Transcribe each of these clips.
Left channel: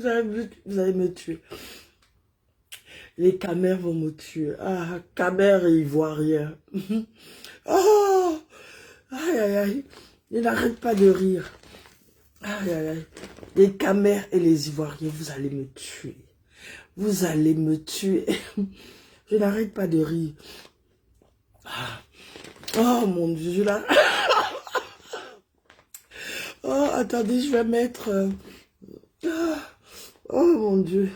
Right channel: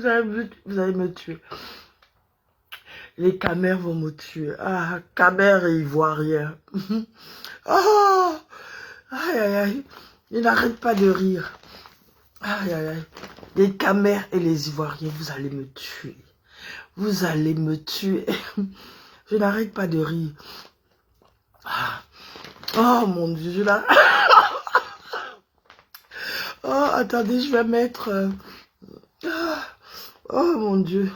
vous allez me tuer. Les camères vont me tuer. Ah, camères et ivoiriens. Oh, aïe, aïe, aïe. Ils n'arrêtent pas de rire. Aïe, aïe, aïe. Les camères et les ivoiriens, vous allez me tuer. Vous allez me tuer. Je n'arrête pas de rire. Ah. Oh mon Dieu, je l'arrête. Oh, attendez, je vais mettre... Oh mon Dieu.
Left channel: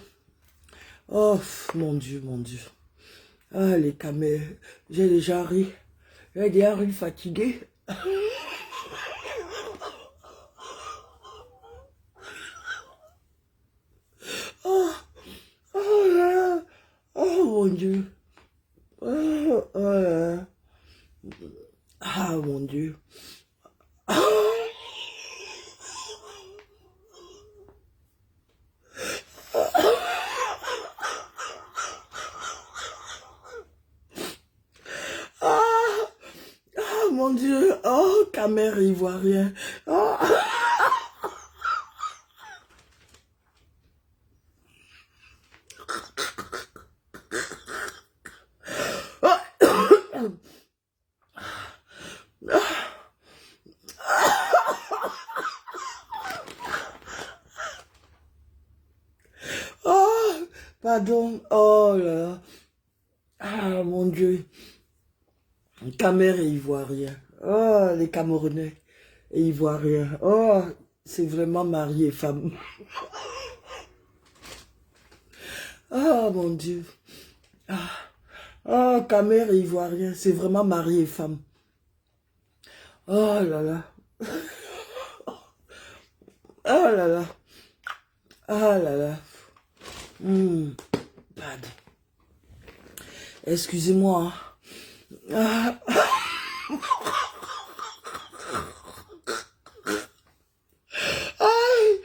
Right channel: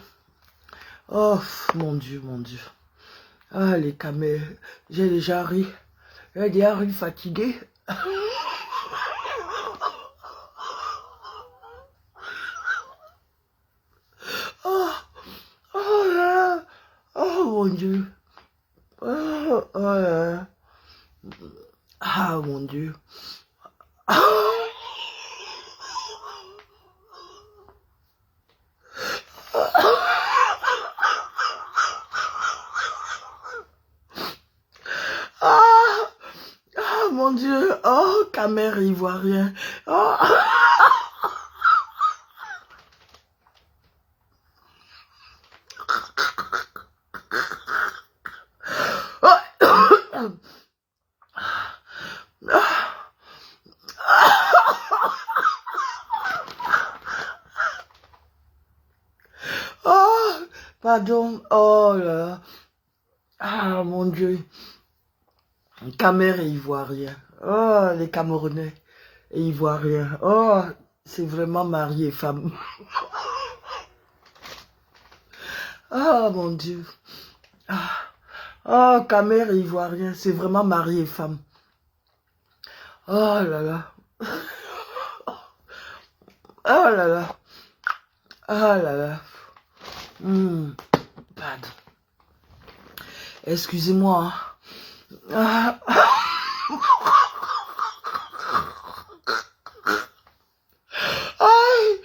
Oh mon Dieu, mon Dieu. Ah, les camères. J'ai déjà ri. J'ai déjà ri fatigué. Oh, oh là. Oh mon Dieu. Oh, oh là. Ah mon Dieu. Ah, oh mon Dieu. Oh, camère ivoirien. Oh. Oh, pardon. Oh là. Ah mon Dieu. Camère et ivoirien. Oh, les Camerounais et ivoiriens. Oh, c'est vraiment mari et femme. Oh mon Dieu. Ah. Oh, camère et ivoirien, c'est vraiment mari et femme. Oh là là. Oh là là. Oh là là. Pardon. Excusez-moi. Ah. Aïe.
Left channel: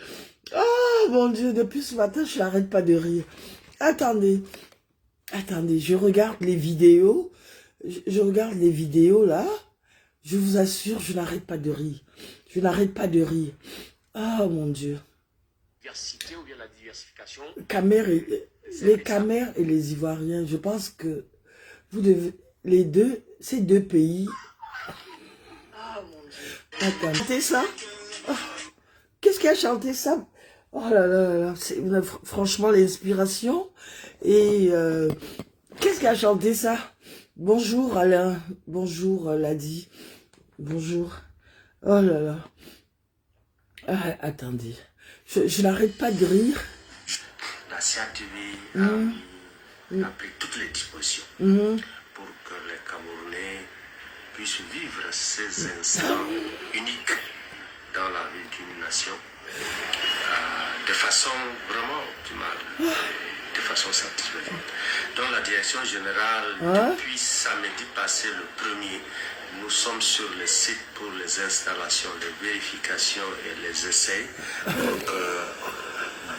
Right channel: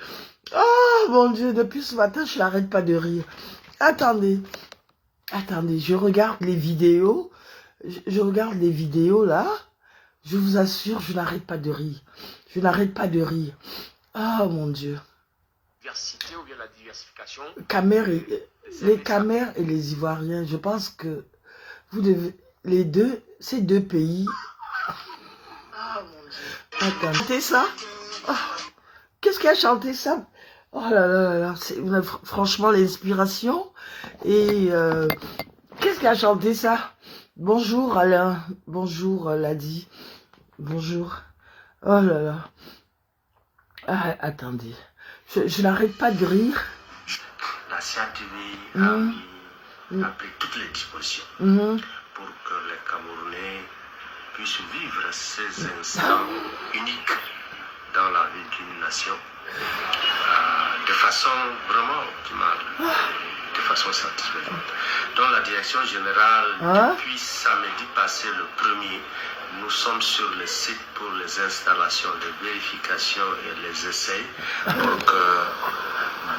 Oh mon Dieu, depuis ce matin, je n'arrête pas de rire. Attendez. Attendez, je regarde les vidéos. Je regarde les vidéos là. Je vous assure, je n'arrête pas de rire. Je n'arrête pas de rire. Oh mon Dieu. Diversité ou bien la diversification. Les Camères et les Ivoiriens, je pense que vous devez, les deux, ces deux pays. Oh mon Dieu. Attends, chantez ça? Oh, qu'est-ce qui a chanté ça? Oh là là là là, c'est franchement l'inspiration. Et qu'est-ce qui a chanté ça? Bonjour Alain, bonjour Ladi, bonjour. Oh là là. Ah, attendez, je n'arrête pas de rire. La CATV a pris toutes les dispositions pour que les Camerounais puissent vivre ces instants uniques dans la vie d'une nation de façon vraiment optimale, de façon satisfaisante. Dans la direction générale, depuis samedi passé le 1er, nous sommes sur le site pour les installations, les vérifications et les essais pour que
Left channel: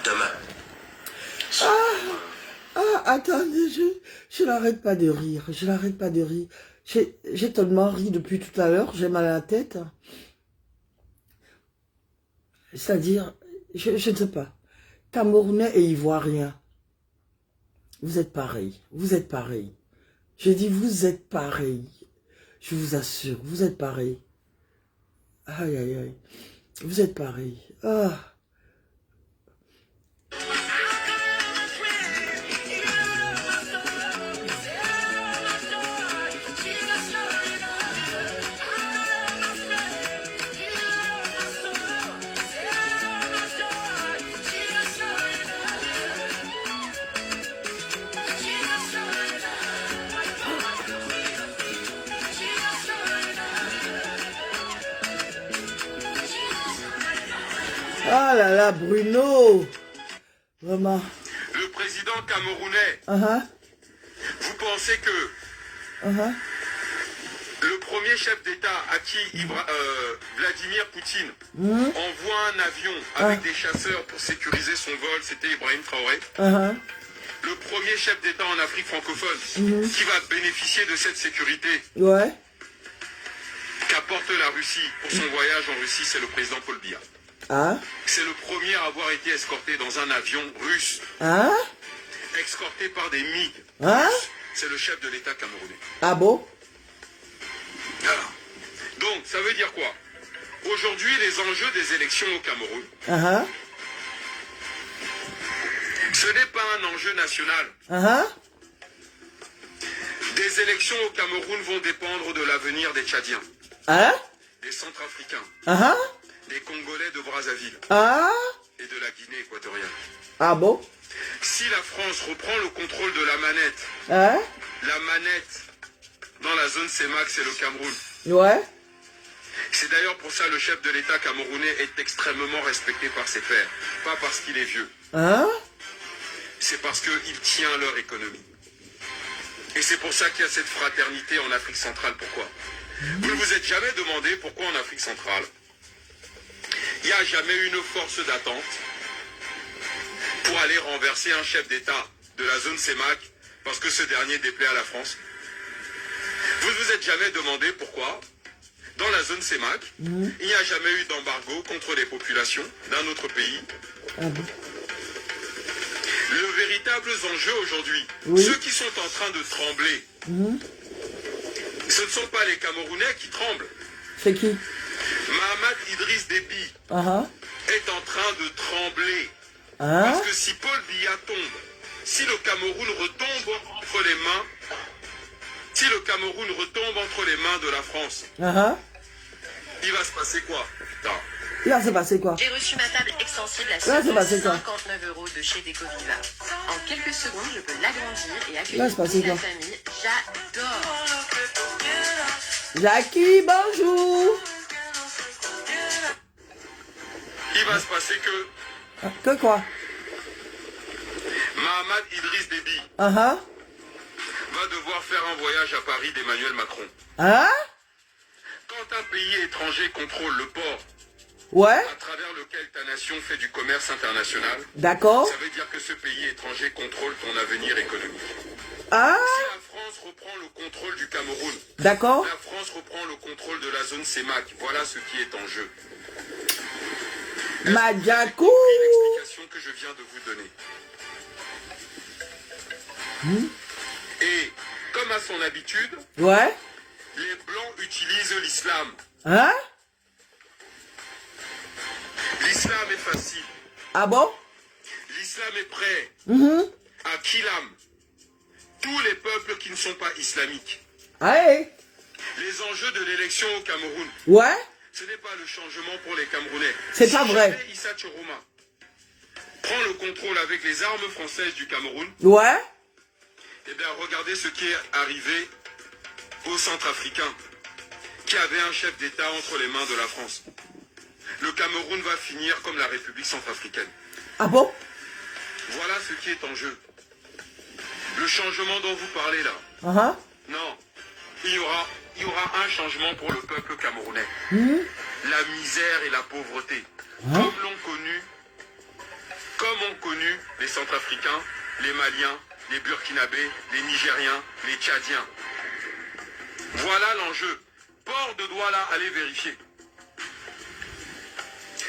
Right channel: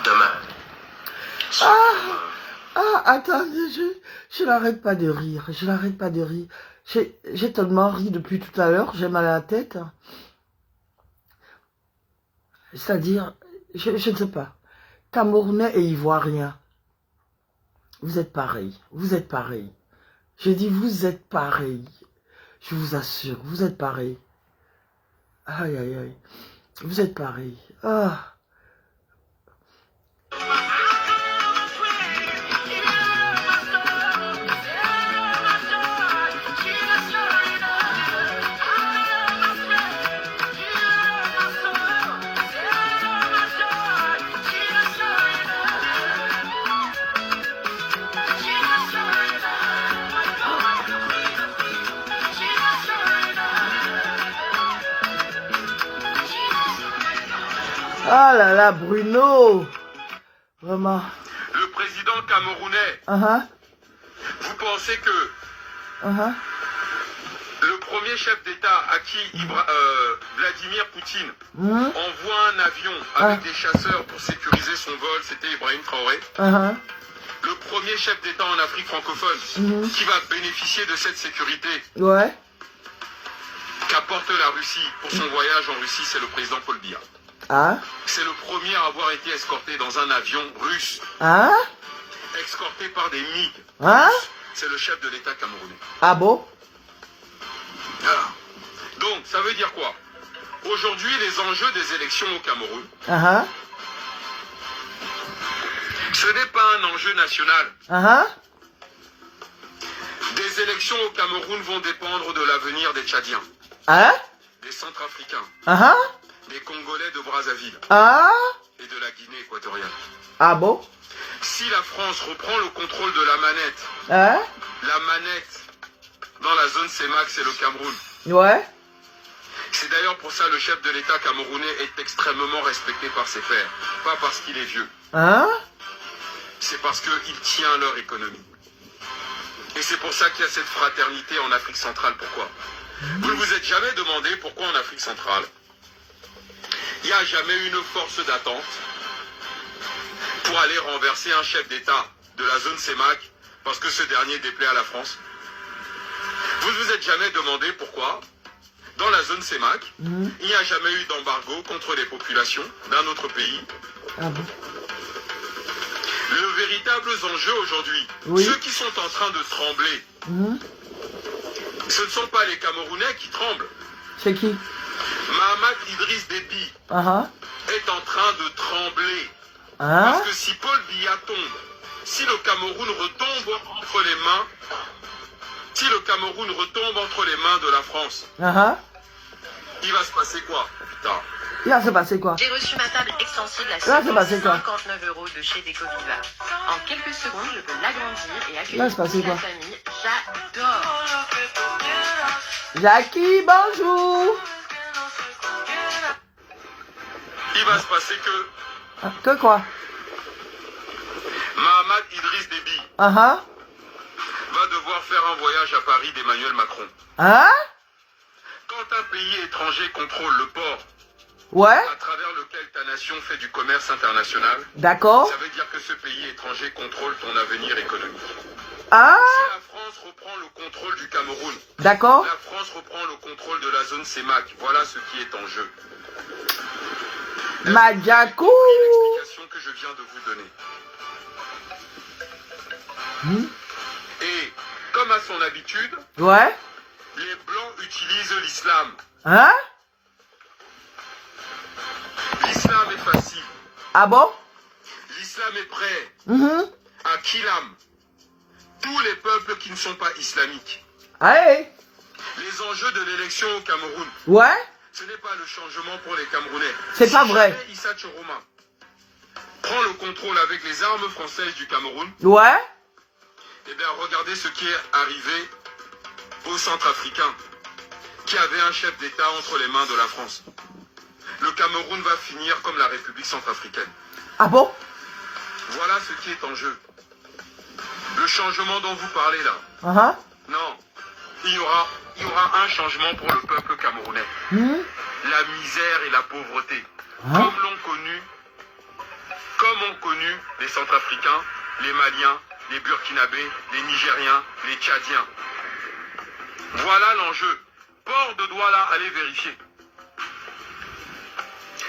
demain... Attendez, je n'arrête pas de rire, je n'arrête pas de rire. J'ai tellement ri depuis tout à l'heure, j'ai mal à la tête. C'est-à-dire, je ne sais pas, Camerounais et Ivoiriens, vous êtes pareils, vous êtes pareils. J'ai dit, vous êtes pareils. Je vous assure, vous êtes pareils. Aïe, aïe, aïe. Vous êtes pareils. Ah. Ah là là, Bruno. Vraiment. Le président camerounais, vous pensez que le premier chef d'État à qui Vladimir Poutine envoie un avion avec des chasseurs pour sécuriser son vol, c'était Ibrahim Traoré. Le premier chef d'État en Afrique francophone qui va bénéficier de cette sécurité qu'apporte la Russie pour son voyage en Russie, c'est le président Paul Biya. Hein? C'est le premier à avoir été escorté dans un avion russe. Hein? Escorté par des MiG. Hein? C'est le chef de l'État camerounais. Ah bon? Voilà. Donc, ça veut dire quoi? Aujourd'hui, les enjeux des élections au Cameroun, Uh-huh. ce n'est pas un enjeu national. Uh-huh. Des élections au Cameroun vont dépendre de l'avenir des Tchadiens, Hein? des Centrafricains, Uh-huh. des Congolais de Brazzaville Ah? et de la Guinée équatoriale. Ah bon? Si la France reprend le contrôle de la manette dans la zone CEMAC, c'est le Cameroun. Ouais. C'est d'ailleurs pour ça le chef de l'État camerounais est extrêmement respecté par ses pairs. Pas parce qu'il est vieux, Hein? c'est parce qu'il tient leur économie. Et c'est pour ça qu'il y a cette fraternité en Afrique centrale. Pourquoi? Vous ne vous êtes jamais demandé pourquoi en Afrique centrale, il n'y a jamais eu une force d'attente pour aller renverser un chef d'État de la zone CEMAC parce que ce dernier déplaît à la France. Vous ne vous êtes jamais demandé pourquoi, dans la zone CEMAC, il n'y a jamais eu d'embargo contre les populations d'un autre pays. Ah bon? Le véritable enjeu aujourd'hui, Oui. ceux qui sont en train de trembler, ce ne sont pas les Camerounais qui tremblent. C'est qui? Mahamat Idriss Déby Uh-huh. est en train de trembler. Hein? Parce que si Paul Biya tombe, si le Cameroun retombe entre les mains, de la France, Uh-huh. il va se passer quoi? Putain. Là, c'est passé quoi? J'ai reçu ma table extensible à Là, c'est passé quoi? 59 € de chez Decoviva. En quelques secondes, je peux l'agrandir et Là, accueillir c'est passé toute la quoi? famille. J'adore. Jackie, bonjour! Il va se passer que Ah, que quoi? Mahamat Idriss Déby Uh-huh. va devoir faire un voyage à Paris d'Emmanuel Macron. Hein? Quand un pays étranger contrôle le port Ouais? à travers lequel ta nation fait du commerce international, D'accord. ça veut dire que ce pays étranger contrôle ton avenir économique. Hein? Si la France reprend le contrôle du Cameroun, D'accord. la France reprend le contrôle de la zone CEMAC. Voilà ce qui est en jeu. Madjakou! L'explication que je viens de vous donner. Et comme à son habitude, Ouais? les Blancs utilisent l'islam. Hein? L'islam est facile. Ah bon? L'islam est prêt Mhm. à Kilam tous les peuples qui ne sont pas islamiques. Allez! Les enjeux de l'élection au Cameroun, Ouais? ce n'est pas le changement pour les Camerounais. C'est pas vrai. jamais Issa Choroma prend le contrôle avec les armes françaises du Cameroun, Ouais? eh bien regardez ce qui est arrivé aux Centrafricains, qui avaient un chef d'État entre les mains de la France. Le Cameroun va finir comme la République centrafricaine. Ah bon? Voilà ce qui est en jeu. Le changement dont vous parlez là, Uh-huh. non, il y aura un changement pour le peuple camerounais. La misère et la pauvreté, comme ont connu les Centrafricains, les Maliens, les Burkinabés, les Nigériens, les Tchadiens. Voilà l'enjeu. Port de Douala, allez vérifier.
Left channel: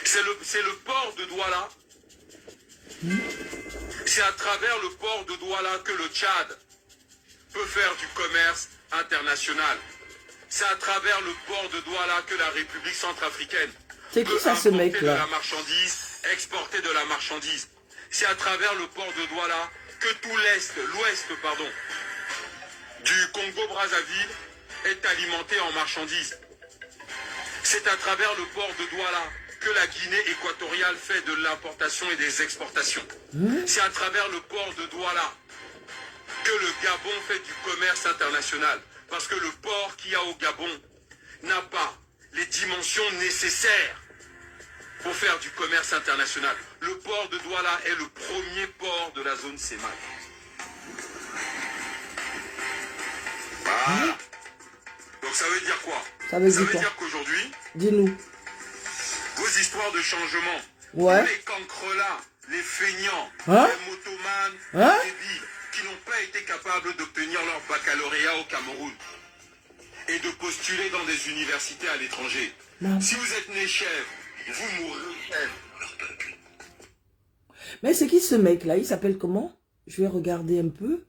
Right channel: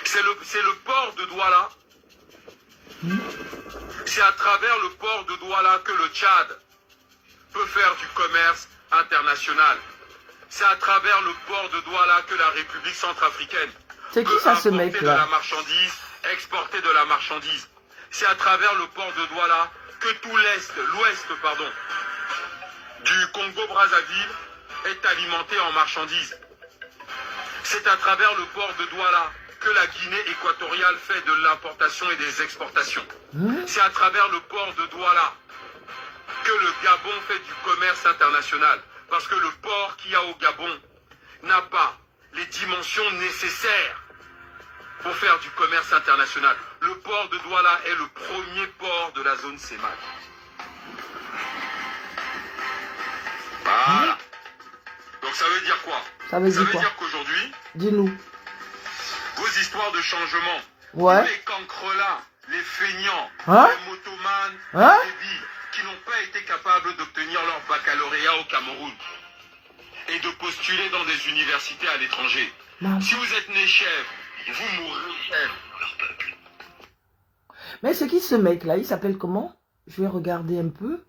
C'est le port de Douala. C'est à travers le port de Douala que le Tchad peut faire du commerce international. C'est à travers le port de Douala que la République centrafricaine C'est qui peut ça, ce importer mec, de là? la marchandise, exporter de la marchandise. C'est à travers le port de Douala que tout l'ouest du Congo-Brazzaville est alimenté en marchandises. C'est à travers le port de Douala que la Guinée équatoriale fait de l'importation et des exportations. C'est à travers le port de Douala que le Gabon fait du commerce international. Parce que le port qu'il y a au Gabon n'a pas les dimensions nécessaires pour faire du commerce international. Le port de Douala est le premier port de la zone CEMAC. Voilà. Donc ça veut dire quoi? Ça veut dire quoi? dire qu'aujourd'hui, Dis-nous. vos histoires de changement, Ouais. tous les cancrelats, les feignants, Hein? les motomanes, Hein? les débiles, qui n'ont pas été capables d'obtenir leur baccalauréat au Cameroun et de postuler dans des universités à l'étranger. Non. Si vous êtes né chef, et vous mourrez leur peuple. Mais c'est qui ce mec-là? Il s'appelle comment? Je vais regarder un peu.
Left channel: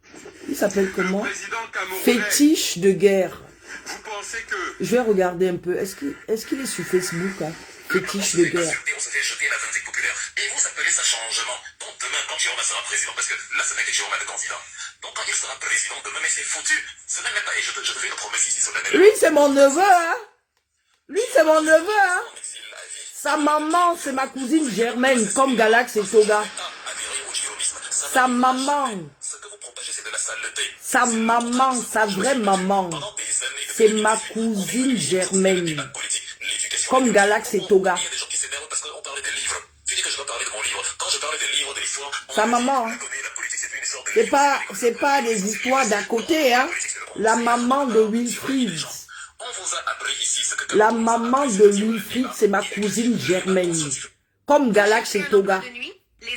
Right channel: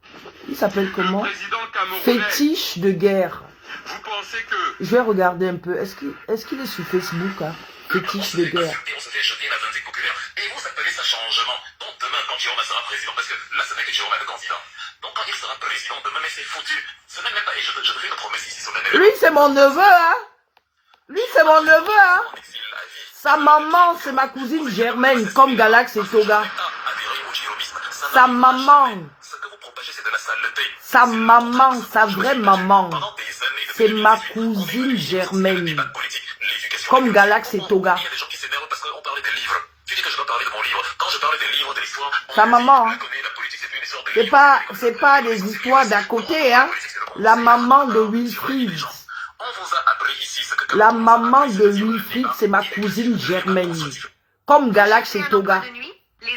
Il s'appelle comment? président camerounais, Fétiche de guerre. vous pensez que Je vais regarder un peu. Est-ce qu'il est sur Facebook, hein? Fétiche de guerre. On se fait jeter la vindicte populaire. Et vous appelez ça changement. Donc demain, quand Jérôme sera président, parce que là, ce n'est que Jérôme le candidat. Donc quand il sera président demain, mais c'est foutu. Ce n'est même pas, et je te fais une promesse ici sur la Lui, c'est mon neveu, hein? Lui, c'est mon neveu, hein? Sa maman, c'est ma cousine Germaine, comme Galax et Toga. Sa maman. Ce que vous propagez, c'est de la saleté. Sa maman, sa vraie maman. Pendant des années, C'est ma cousine Germaine. Comme Galax et Toga. il y a des gens qui s'énervent parce qu'on parlait des livres. Tu dis que je dois parler de mon livre. Quand je parlais des livres, de l'histoire, Sa maman, hein? la politique, c'est plus une histoire de C'est pas des histoires d'à côté, hein? La maman de Wilfried. On vous a appris ici ce que... La maman de Wilfried, c'est ma cousine Germaine. Comme Galax et Toga.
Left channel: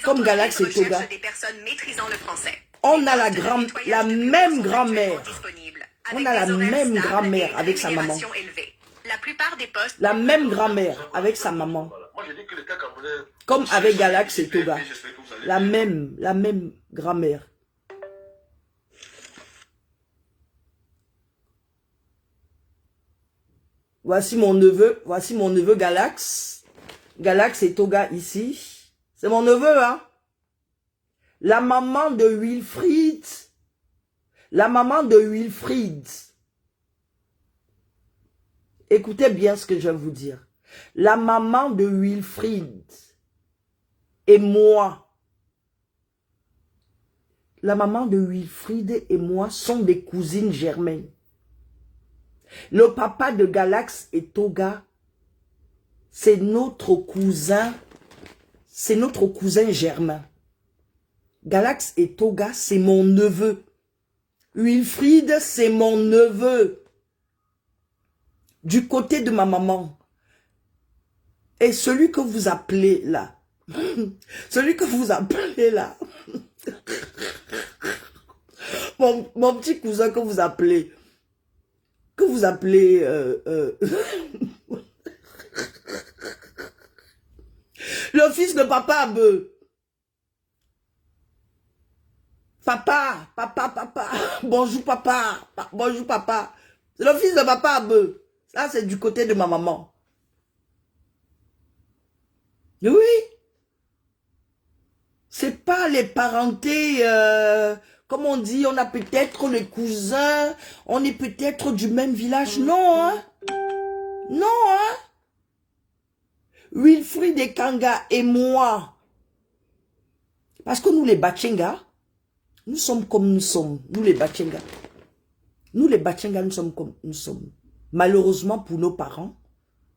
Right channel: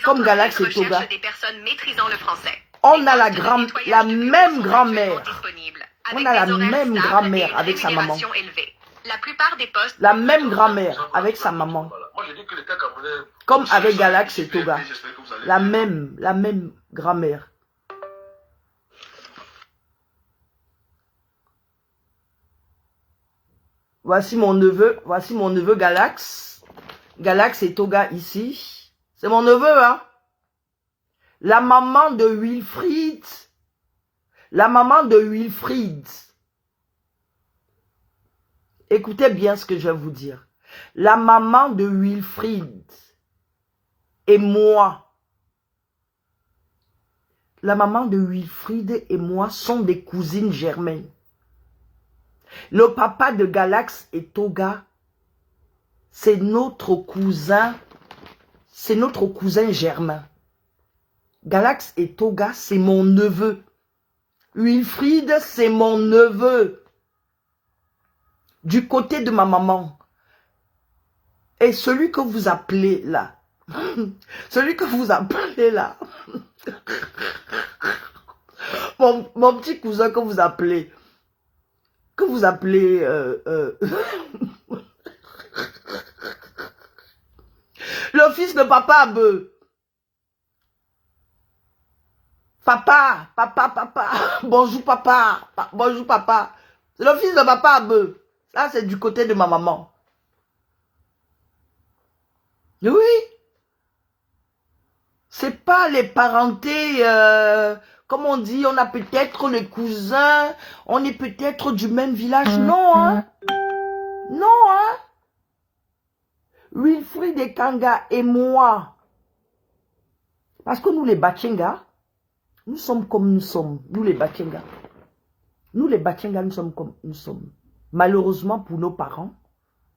Comme Galax et Toga. Des personnes maîtrisant le français. On a la même grand-mère. On a la même grand-mère avec sa maman. La plupart des postes... La même grand-mère avec sa maman. Moi, je dis que l'État camerounais... Comme avec Galax et Toga. J'espère que vous allez... La même grand-mère. Voici mon neveu Galax. Galax et Toga ici. C'est mon neveu, hein. La maman de Wilfried. La maman de Wilfried. Écoutez bien ce que je vais vous dire. La maman de Wilfried et moi. La maman de Wilfried et moi sont des cousines germaines. Le papa de Galax et Toga, c'est notre cousin germain. Galax et Toga, c'est mon neveu. Wilfried, c'est mon neveu. Du côté de ma maman. Et celui que vous appelez là, mon petit cousin que vous appelez, le fils de papa Abeu. Papa, bonjour papa, bonjour papa. C'est le fils de papa Abeu. Ça, c'est du côté de ma maman. Oui. C'est pas les parentés, comme on dit, on a peut-être les cousins, on est peut-être du même village. Non, hein. Non, hein. Wilfried et Kanga et moi. Parce que nous, les Bachenga, nous sommes comme nous sommes. Nous, les Bachenga. Nous, les Bachenga, nous sommes comme nous sommes. Malheureusement pour nos parents,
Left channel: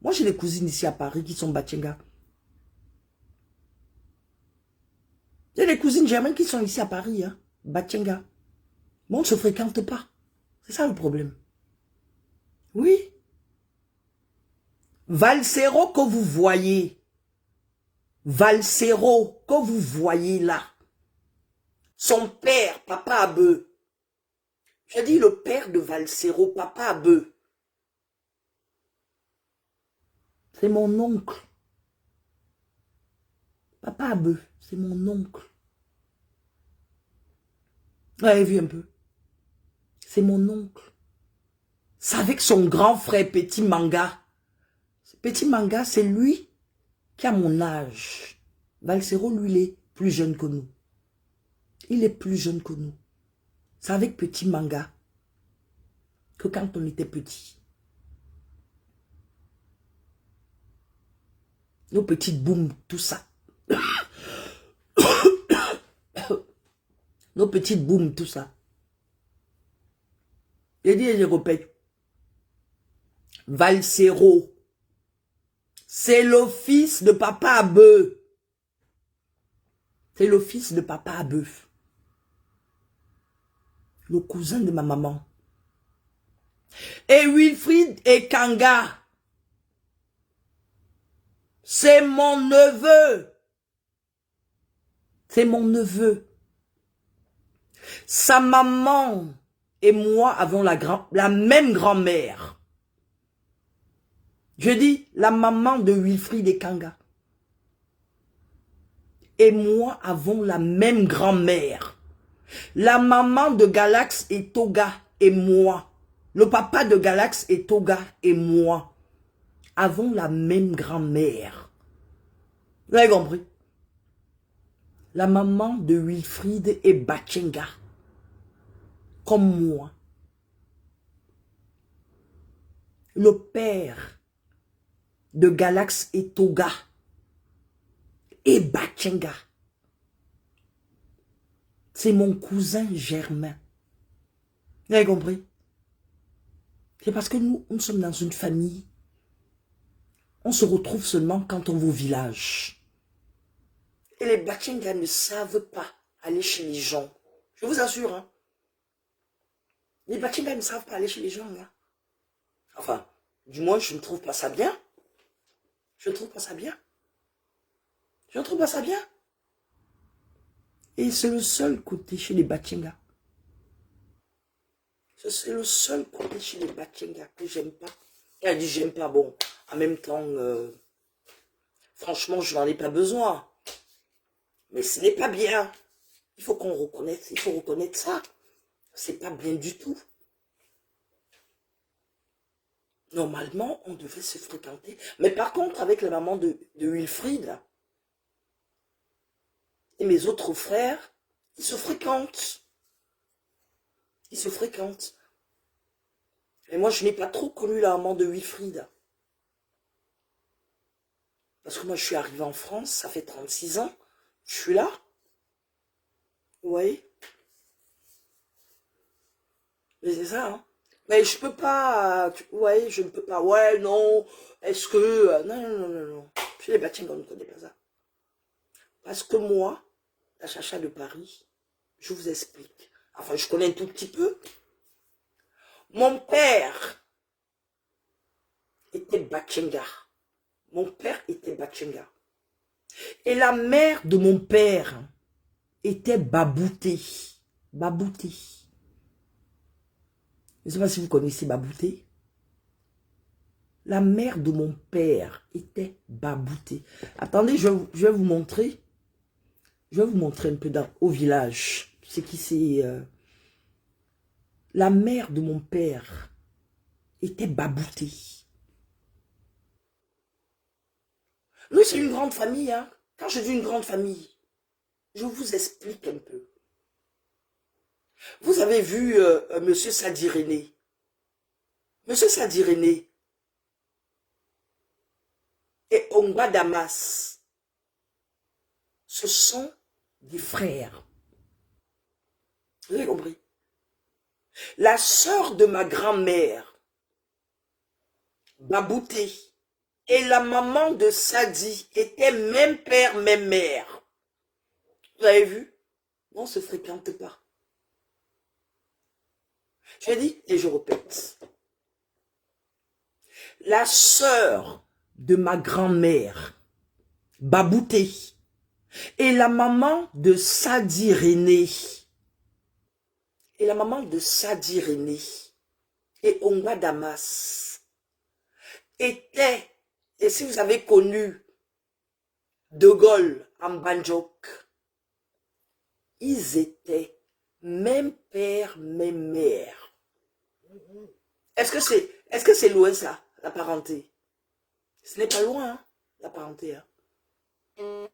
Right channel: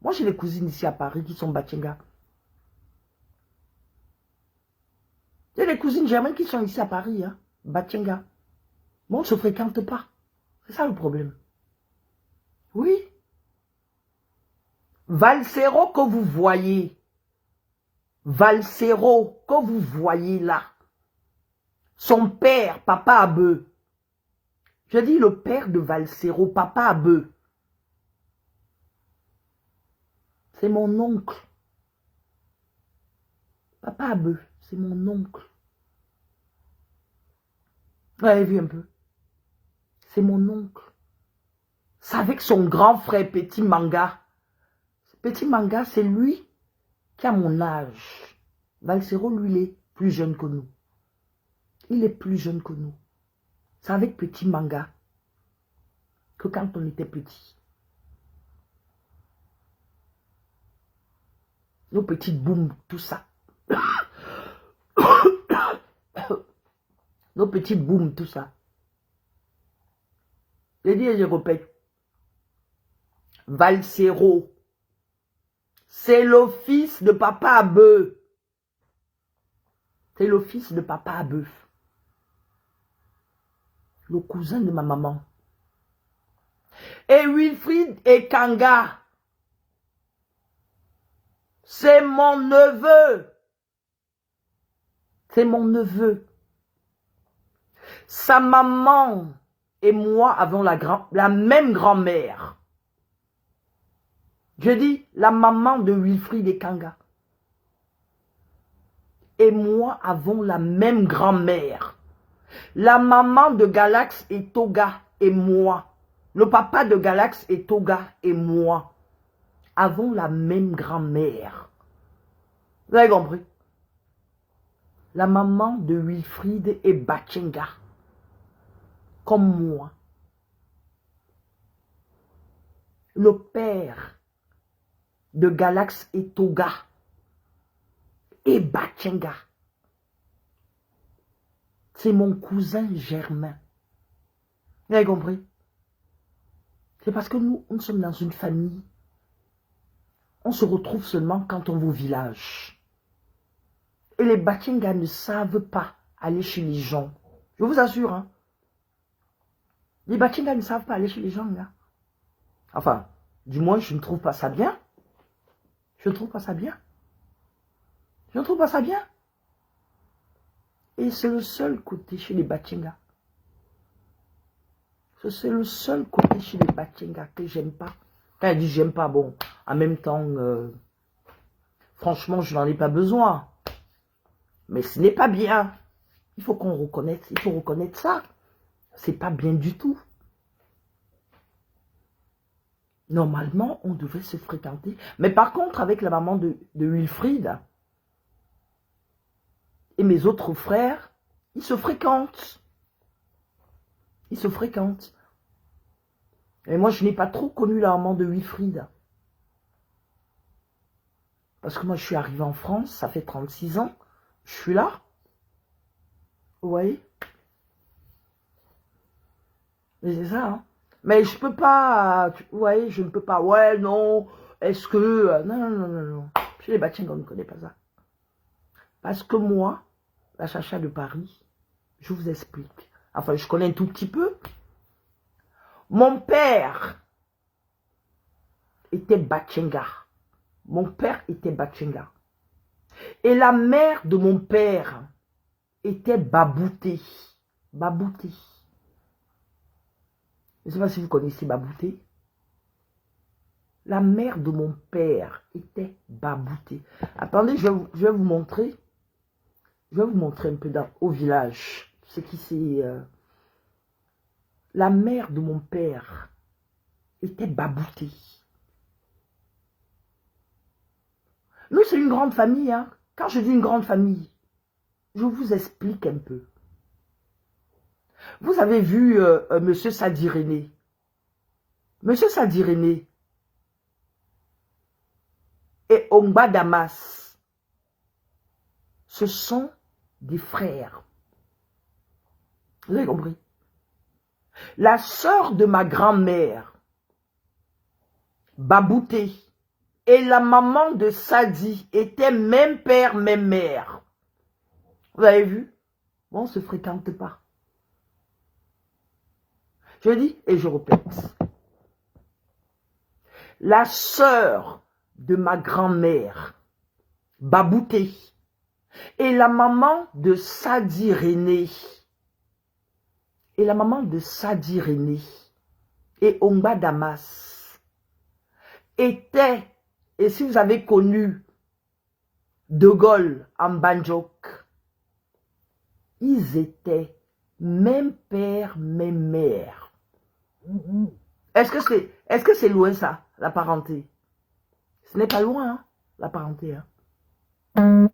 moi, j'ai des cousines ici à Paris qui sont Bachenga. J'ai des cousines germaines qui sont ici à Paris, hein. Bachenga. Mais on ne se fréquente pas. C'est ça le problème. Oui. Valsero que vous voyez. Valsero que vous voyez là. Son père, papa Abeu. Je dis le père de Valsero, papa Abeu. C'est mon oncle. Papa Abeu, c'est mon oncle. Vous avez vu un peu? C'est mon oncle. C'est avec son grand frère Petit Manga. Petit Manga, c'est lui qui a mon âge. Valsero, lui, il est plus jeune que nous. Il est plus jeune que nous. C'est avec Petit Manga que quand on était petit. Nos petites booms, tout ça. Nos petites booms, tout ça. J'ai dit et je répète. Valsero. C'est le fils de papa Abeu. C'est le fils de papa Abeu. Le cousin de ma maman. Et Wilfried et Kanga. C'est mon neveu. C'est mon neveu. Sa maman et moi avons la même grand-mère. Je dis, la maman de Wilfried et Kanga et moi avons la même grand-mère. La maman de Galax et Toga et moi, le papa de Galax et Toga et moi, avons la même grand-mère. Vous avez compris? La maman de Wilfried et Bachenga, comme moi. Le père de Galax et Toga et Bachenga, c'est mon cousin Germain. Vous avez compris? C'est parce que nous sommes dans une famille. On se retrouve seulement quand on va au village. Et les Bachenga ne savent pas aller chez les gens. Je vous assure. Hein. Les Bachenga ne savent pas aller chez les gens. Hein. Enfin, du moins, je ne trouve pas ça bien. Je ne trouve pas ça bien. Je ne trouve pas ça bien. Et c'est le seul côté chez les Bachenga. C'est le seul côté chez les Bachenga que j'aime pas. Quand elle dit j'aime pas, bon, en même temps, franchement, je n'en ai pas besoin. Mais ce n'est pas bien. Il faut qu'on reconnaisse, il faut reconnaître ça. C'est pas bien du tout. Normalement, on devrait se fréquenter. Mais par contre, avec la maman de Wilfried et mes autres frères, ils se fréquentent. Ils se fréquentent. Et moi, je n'ai pas trop connu la maman de Wilfried. Parce que moi, je suis arrivée en France, ça fait 36 ans. Je suis là. Vous voyez? Mais c'est ça, hein. Mais je peux pas, vous voyez, je ne peux pas. Ouais, non, est-ce que... non, non, non, non, non. Chez les Bachenga, on ne connaît pas ça. Parce que moi, la chacha de Paris, je vous explique. Enfin, je connais un tout petit peu. Mon père était Bachenga. Mon père était Bachenga. Et la mère de mon père était Babouté. Babouté. Je ne sais pas si vous connaissez Babouté. La mère de mon père était Babouté. Attendez, je vais vous montrer. Je vais vous montrer un peu au village. Ce qui c'est... La mère de mon père était Babouté. Nous, c'est une grande famille. Hein. Quand je dis une grande famille, je vous explique un peu. Vous avez vu Monsieur Sadirené. Monsieur Sadirené et Ongba Damas, ce sont des frères. Vous avez compris? La sœur de ma grand-mère, Babouté, et la maman de Sadi étaient même père, même mère. Vous avez vu? On ne se fréquente pas. Je dis et je répète. La sœur de ma grand-mère, Babouté, et la maman de Sadi René, et Ongba Damas, étaient, et si vous avez connu De Gaulle en Banjok, ils étaient même père, même mère. Est-ce que c'est loin ça, la parenté? Ce n'est pas loin, hein, la parenté. Hein.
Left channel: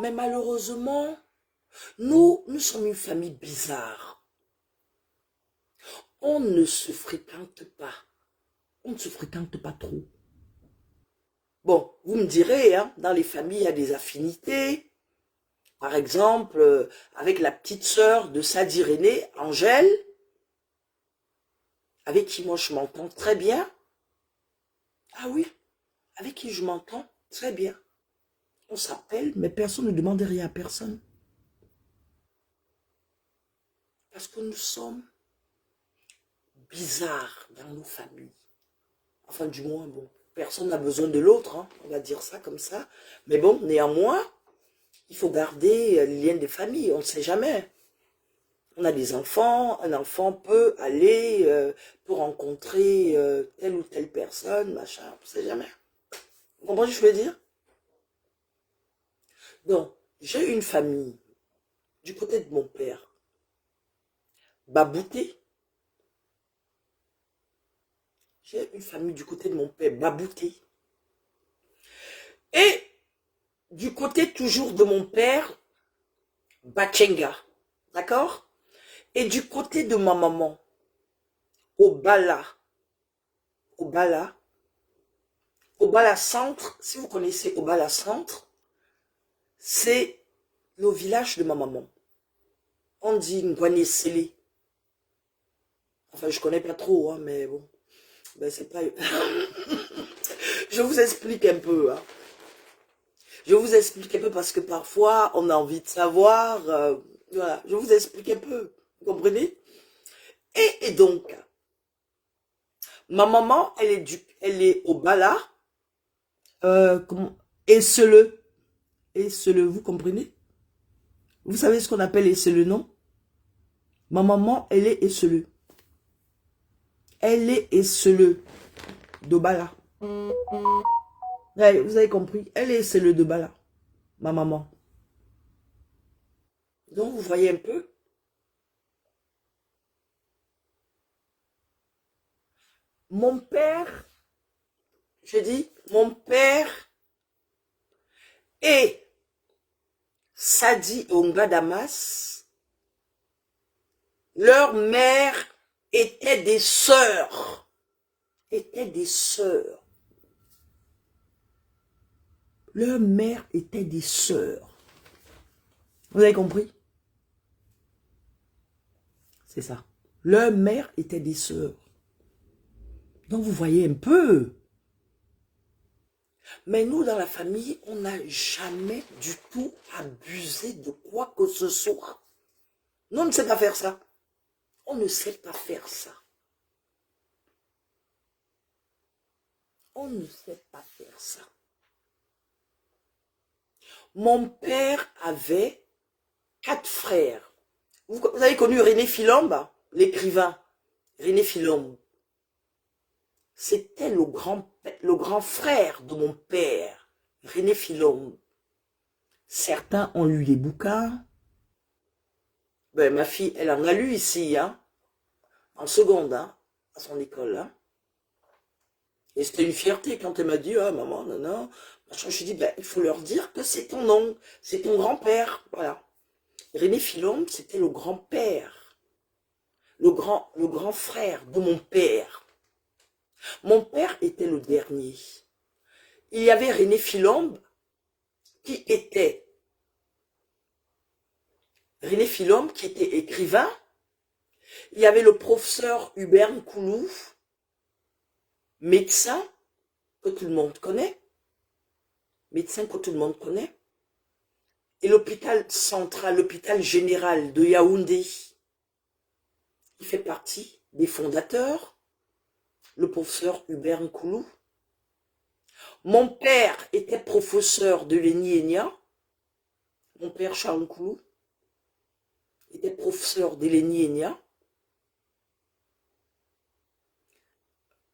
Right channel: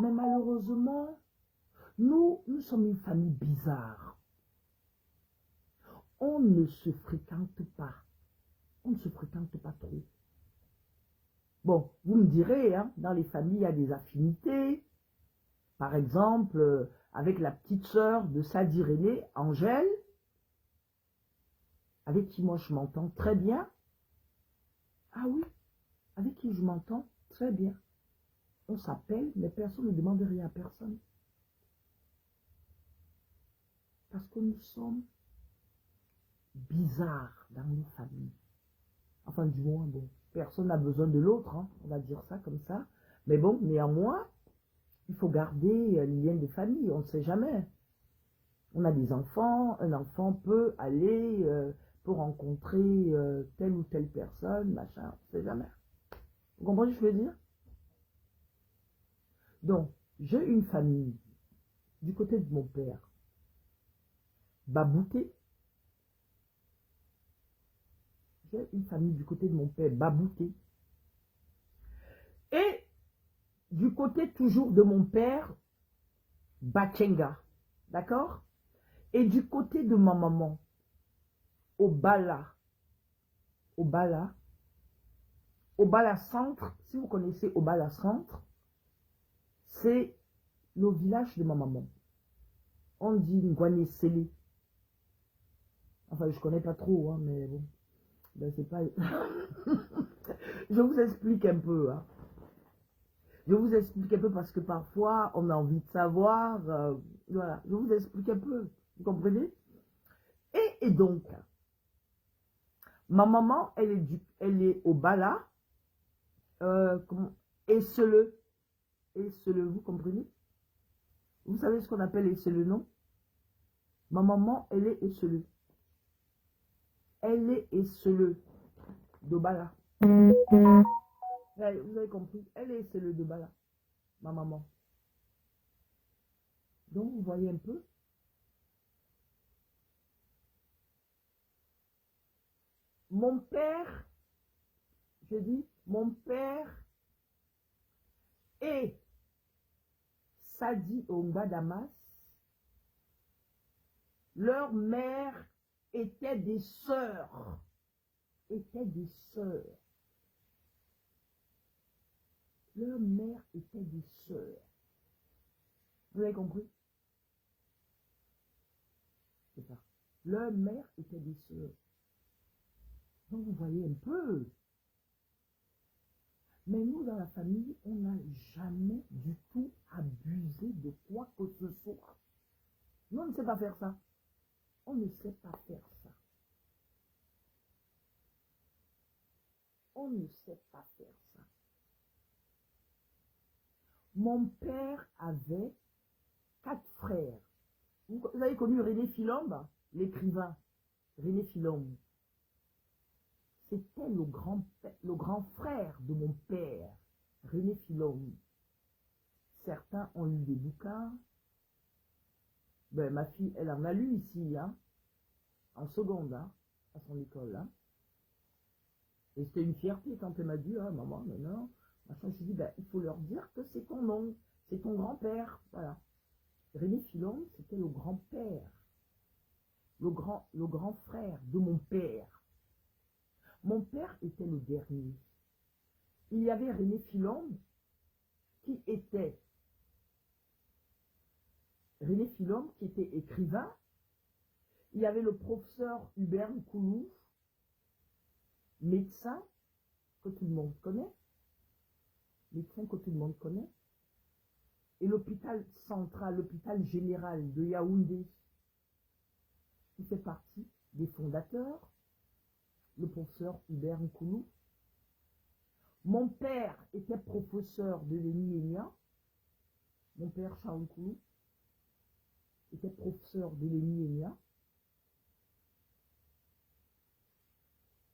Mais malheureusement, nous sommes une famille bizarre. On ne se fréquente pas. On ne se fréquente pas trop. Bon, vous me direz, hein, dans les familles, il y a des affinités. Par exemple, avec la petite sœur de Sadi René, Angèle, avec qui moi je m'entends très bien. Ah oui, avec qui je m'entends très bien. On s'appelle, mais personne ne demande rien à personne. Parce que nous sommes bizarres dans nos familles. Enfin, du moins, bon, personne n'a besoin de l'autre, hein, on va dire ça comme ça. Mais bon, néanmoins, il faut garder les liens des familles, on ne sait jamais. On a des enfants, un enfant peut aller pour rencontrer telle ou telle personne, machin, on ne sait jamais. Vous comprenez ce que je veux dire? Donc, j'ai une famille du côté de mon père, babouté. J'ai une famille du côté de mon père, babouté. Et du côté toujours de mon père, Bachenga. D'accord? Et du côté de ma maman, Obala. Obala. Obala Centre, si vous connaissez Obala Centre, c'est le village de ma maman. On dit Ngwanesele. Enfin, je connais pas trop, hein, mais bon. Ben, c'est pas... Je vous explique un peu. Hein. Je vous explique un peu parce que parfois, on a envie de savoir. Voilà, je vous explique un peu. Vous comprenez? Et donc, ma maman, elle est au Bala. Essele. Essele, vous comprenez? Vous savez ce qu'on appelle Essele, non? Ma maman, elle est Essele. Elle est Essele de Bala. Ouais, vous avez compris? Elle est Essele de Bala. Ma maman. Donc, vous voyez un peu? Mon père, je dis, mon père et Sadi Onga Damas, leur mère étaient des sœurs. Étaient des sœurs. Leur mère était des sœurs. Vous avez compris? C'est ça. Leur mère était des sœurs. Donc vous voyez un peu. Mais nous, dans la famille, on n'a jamais du tout abusé de quoi que ce soit. Nous, on ne sait pas faire ça. On ne sait pas faire ça. On ne sait pas faire ça. Mon père avait 4 frères. Vous avez connu René Philombe, l'écrivain. René Philombe. C'était le grand frère de mon père, René Philombe. Certains ont lu les bouquins. Ben, ma fille, elle en a lu ici, hein, en seconde, hein, à son école. Hein. Et c'était une fierté quand elle m'a dit, ah maman, non, non. Je lui ai dit, ben, il faut leur dire que c'est ton oncle, c'est ton grand-père. Voilà. René Philombe, c'était le grand-père, le grand frère de mon père. Mon père était le dernier. Il y avait René Philombe qui était écrivain. Il y avait le professeur Hubert Nkoulou, médecin que tout le monde connaît. Médecin que tout le monde connaît. Et l'hôpital central, l'hôpital général de Yaoundé, il fait partie des fondateurs. Le professeur Hubert Nkoulou. Mon père était professeur de l'ENI-ENIA. Mon père Charles Nkoulou était professeur de l'ENI-ENIA.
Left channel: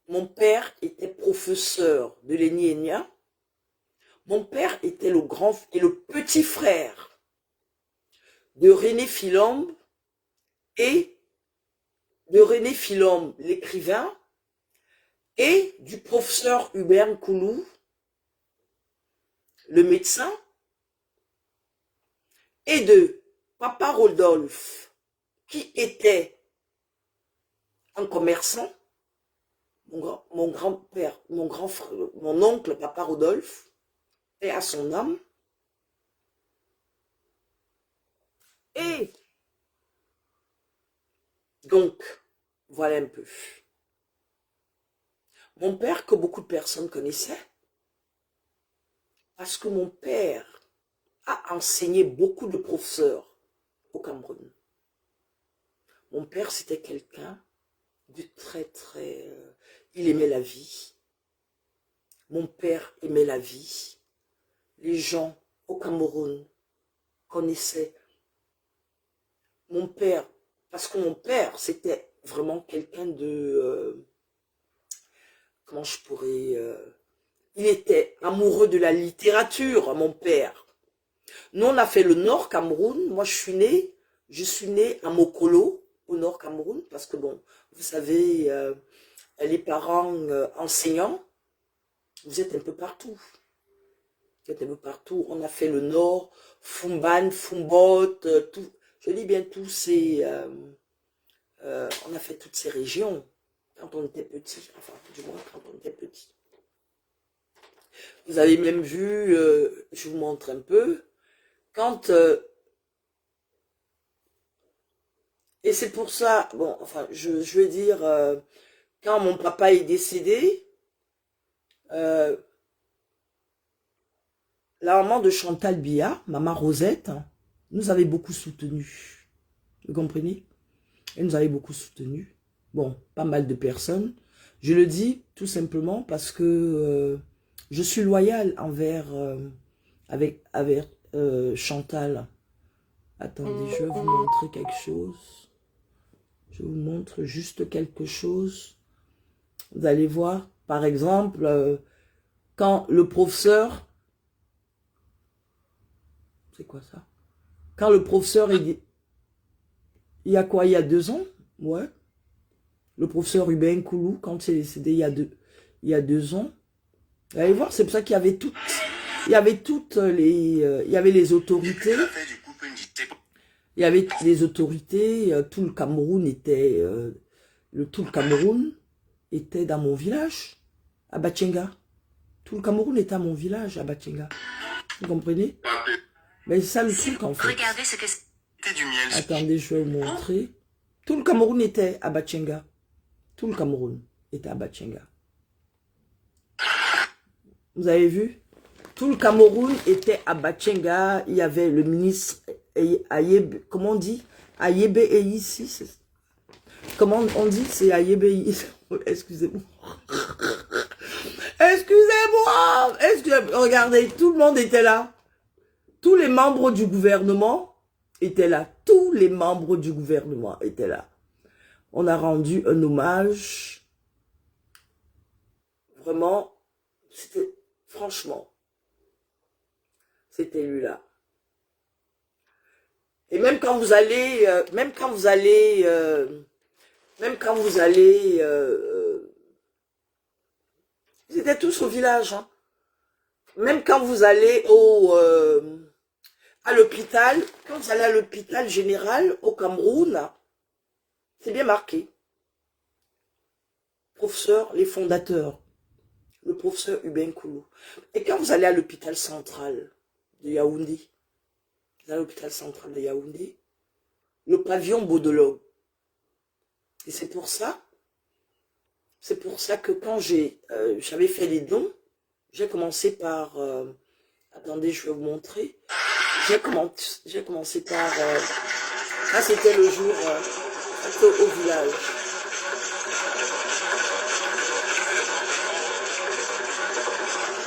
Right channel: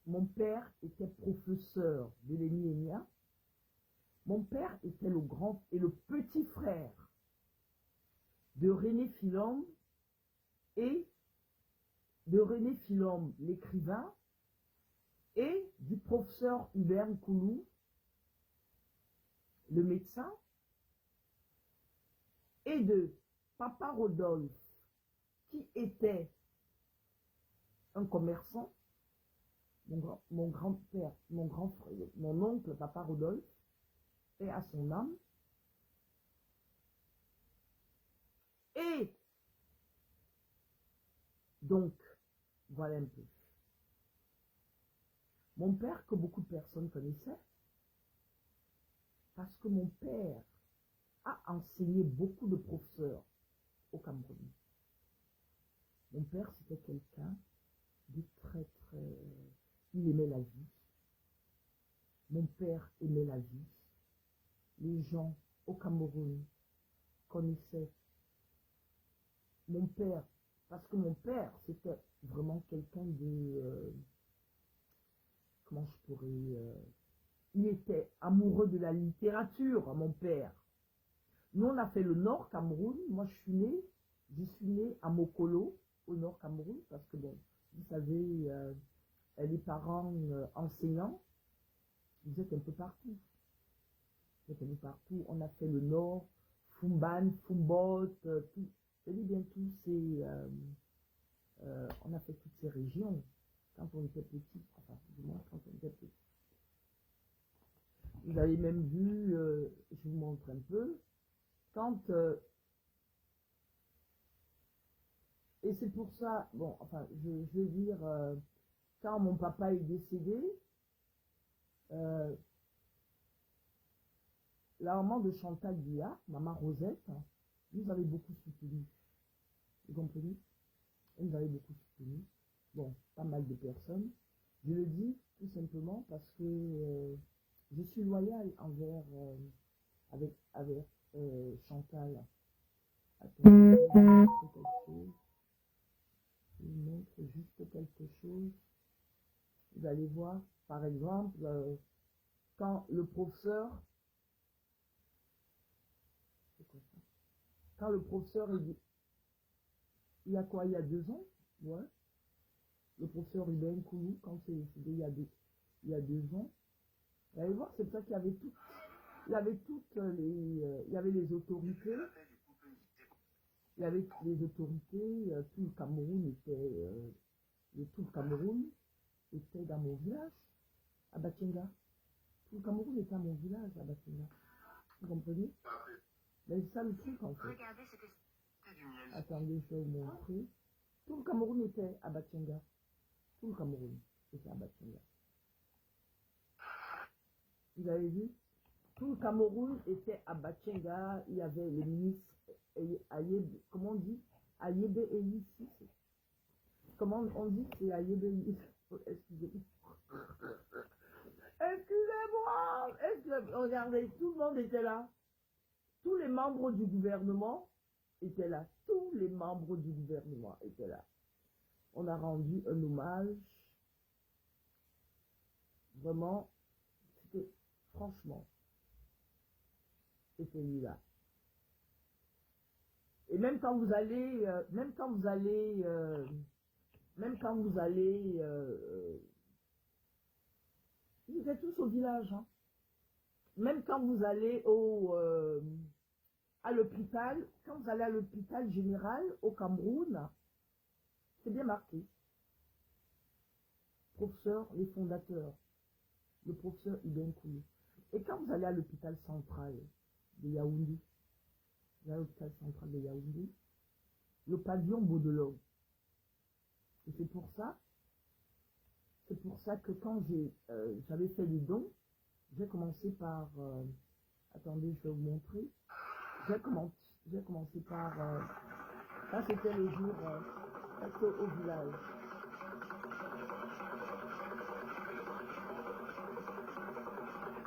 Mon père était professeur de l'ENI-ENIA. Mon père était le grand et le petit frère de René Philombe et de René Philombe, l'écrivain, et du professeur Hubert Nkoulou, le médecin, et de Papa Rodolphe, qui était un commerçant, mon grand-père, mon oncle Papa Rodolphe, et à son âme. Et donc, voilà un peu. Mon père, que beaucoup de personnes connaissaient, parce que mon père a enseigné beaucoup de professeurs au Cameroun. Mon père, c'était quelqu'un de très... il aimait la vie. Mon père aimait la vie. Les gens au Cameroun connaissaient. Mon père Parce que mon père, c'était vraiment quelqu'un de... comment je pourrais... il était amoureux de la littérature, mon père. Nous, on a fait le Nord Cameroun. Moi, je suis née à Mokolo, au Nord Cameroun, parce que, bon, vous savez, les parents enseignants, vous êtes un peu partout. Vous êtes un peu partout. On a fait le Nord, Fumban, Fumbot, tout. Je dis bien tous ces... on a fait toutes ces régions quand on était petit, enfin, du moins quand on était petit. Vous avez même vu, je vous montre un peu, quand... et c'est pour ça, bon, enfin, je veux dire, quand mon papa est décédé, la maman de Chantal Biya, maman Rosette, nous avait beaucoup soutenus. Vous comprenez? Elle nous avait beaucoup soutenus. Bon, pas mal de personnes. Je le dis tout simplement parce que je suis loyale envers avec Chantal. Attendez, je vais vous montrer quelque chose. Je vous montre juste quelque chose. Vous allez voir, par exemple, quand le professeur... C'est quoi ça? Quand le professeur est... Il y a quoi? Il y a 2 ans? Ouais. Le professeur Hubert Koulou, quand il est décédé il y a 2 ans. Vous allez voir, c'est pour ça qu'il y avait toutes... Il y avait toutes les... il y avait les autorités. Il y avait les autorités. Tout le Cameroun était... tout le Cameroun était dans mon village, à Batchenga. Tout le Cameroun était à mon village, à Batchenga. Vous comprenez? Mais c'est ça le truc, en fait. Regardez ce que c'est du miel. Attendez, je vais vous montrer. Tout le Cameroun était à Batchenga. Tout le Cameroun était à Batchenga. Vous avez vu? Tout le Cameroun était à Batchenga. Il y avait le ministre Ayebe, comment on dit? Ayebe ici. Comment on dit? C'est Ayebe ici. Excusez-moi. Excusez-moi. Regardez, tout le monde était là. Tous les membres du gouvernement étaient là. Tous les membres du gouvernement étaient là. On a rendu un hommage. Vraiment, c'était, franchement, c'était lui-là. Et même quand vous allez, ils étaient tous au village, hein. Même quand vous allez à l'hôpital, quand vous allez à l'hôpital général au Cameroun, c'est bien marqué. Professeur, les fondateurs, le professeur Hubert Koulou. Et quand vous allez à l'hôpital central de Yaoundé, à l'hôpital central de Yaoundé, le pavillon Baudelaire. Et c'est pour ça que quand j'avais fait les dons, j'ai commencé par... attendez, je vais vous montrer. J'ai commencé par... ça, c'était le jour au village.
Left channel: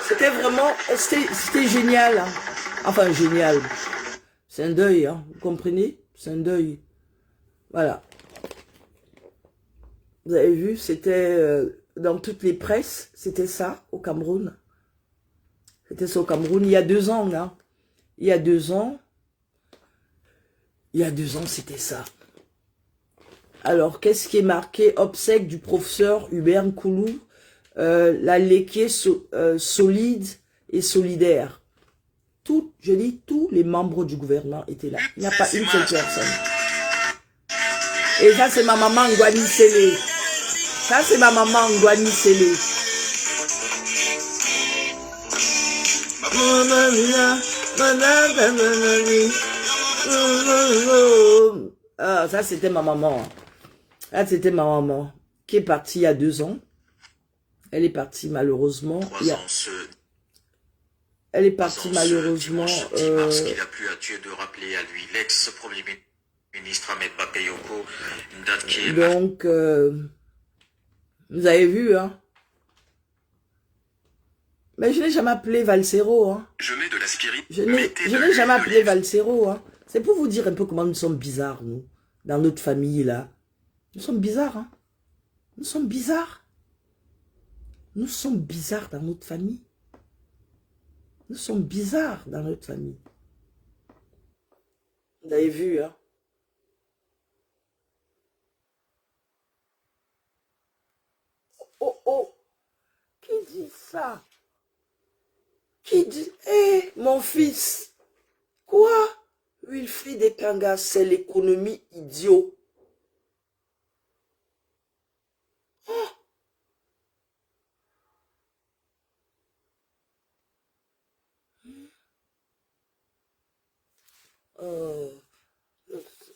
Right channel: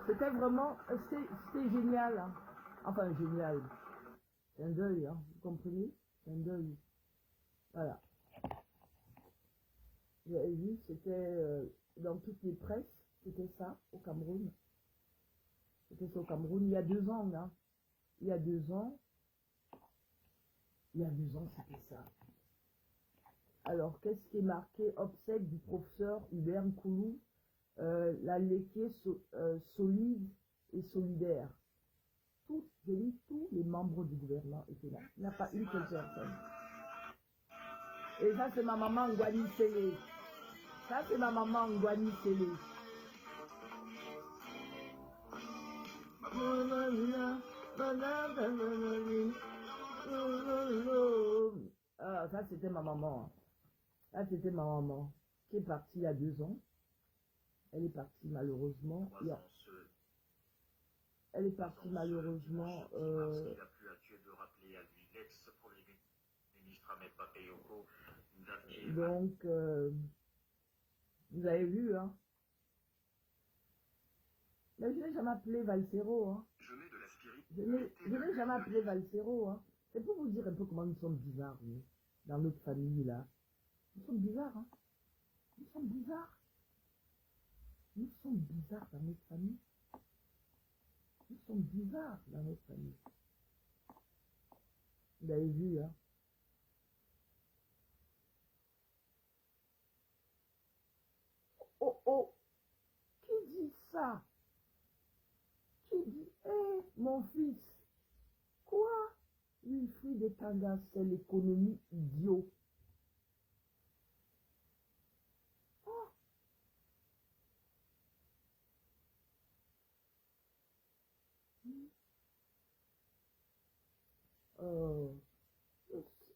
C'était vraiment... C'était génial. Hein. Enfin, génial. C'est un deuil, hein, vous comprenez? C'est un deuil. Voilà. Vous avez vu, c'était... dans toutes les presses, c'était ça, au Cameroun. C'était ça au Cameroun, il y a 2 ans, là. Il y a 2 ans, c'était ça. Alors, qu'est-ce qui est marqué? Obsèque du professeur Hubert Koulou, la léquée solide et solidaire. Je dis, tous les membres du gouvernement étaient là. Il n'y a pas une seule personne. Et ça, c'est ma maman Ngwani Sele. Ça, c'est ma maman Ngwani Sele. Ah, ça, c'était ma maman. Ça, c'était ma maman qui est partie il y a 2 ans. Elle est partie malheureusement. Elle est partie malheureusement. Parce qu'il a plu à Dieu de rappeler à lui l'ex-premier ministre Ahmed Bakayoko, une date qui est... Donc, vous avez vu, hein. Mais je n'ai jamais appelé Valsero, hein. Je mets de l'aspirine. Je n'ai jamais appelé Valsero, hein. C'est pour vous dire un peu comment nous sommes bizarres, nous. dans notre famille, là. Nous sommes bizarres, hein. Nous sommes bizarres. Nous sommes bizarres dans notre famille. Nous sommes bizarres dans notre famille. Vous avez vu, hein. Oh, oh. Qui dit ça? Qui dit, hé, mon fils, quoi? Wilfried Ekanga, c'est l'économie idiot.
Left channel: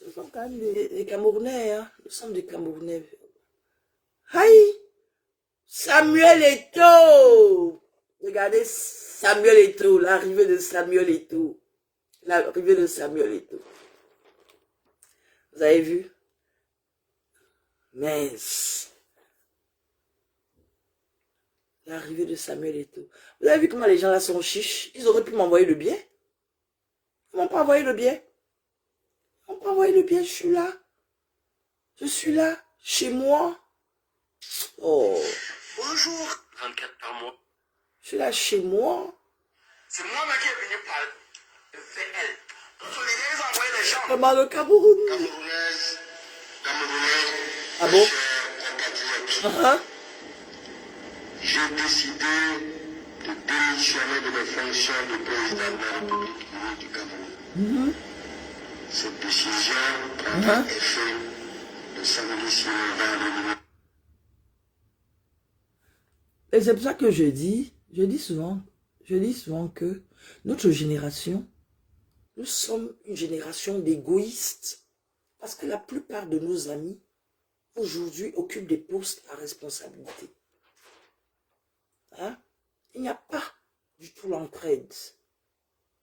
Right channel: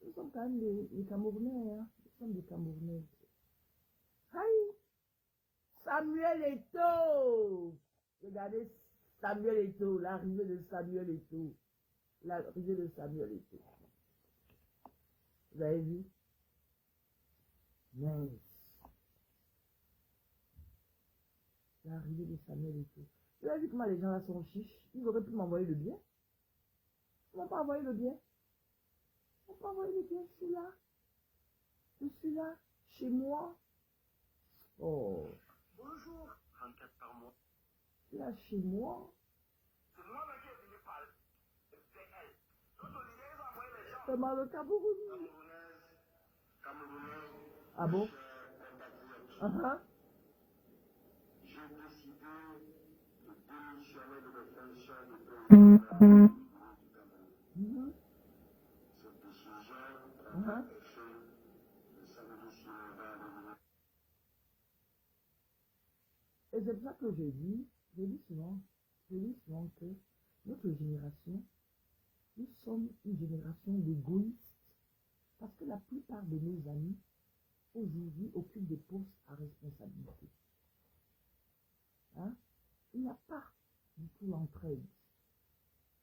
Nous sommes quand même des Camerounais, hein. Nous sommes des Camerounais. Aïe! Samuel Eto'o! Regardez Samuel Eto'o, l'arrivée de Samuel Eto'o. L'arrivée de Samuel Eto'o. Vous avez vu? Mince. L'arrivée de Samuel Eto'o. Vous avez vu comment les gens là sont chiches? Ils auraient pu m'envoyer le billet. Ils m'ont pas envoyé le billet. Ils m'ont pas envoyé le billet, je suis là. Je suis là, chez moi. Oh. Bonjour. 24 par mois. Je suis là chez moi. C'est moi-même qui est venu par VL. Donc, les gars, ils envoyé les gens. Comment le Cameroun? Camerounaise, Camerounais. Ah bon? Compatriotes. J'ai décidé de démissionner de mes fonctions de président de la République du Cameroun. Cette décision prendra effet le samedi suivant le. Et c'est pour ça que je dis souvent que notre génération, nous sommes une génération d'égoïstes. Parce que la plupart de nos amis, aujourd'hui, occupent des postes à responsabilité. Hein? Il n'y a pas du tout l'entraide.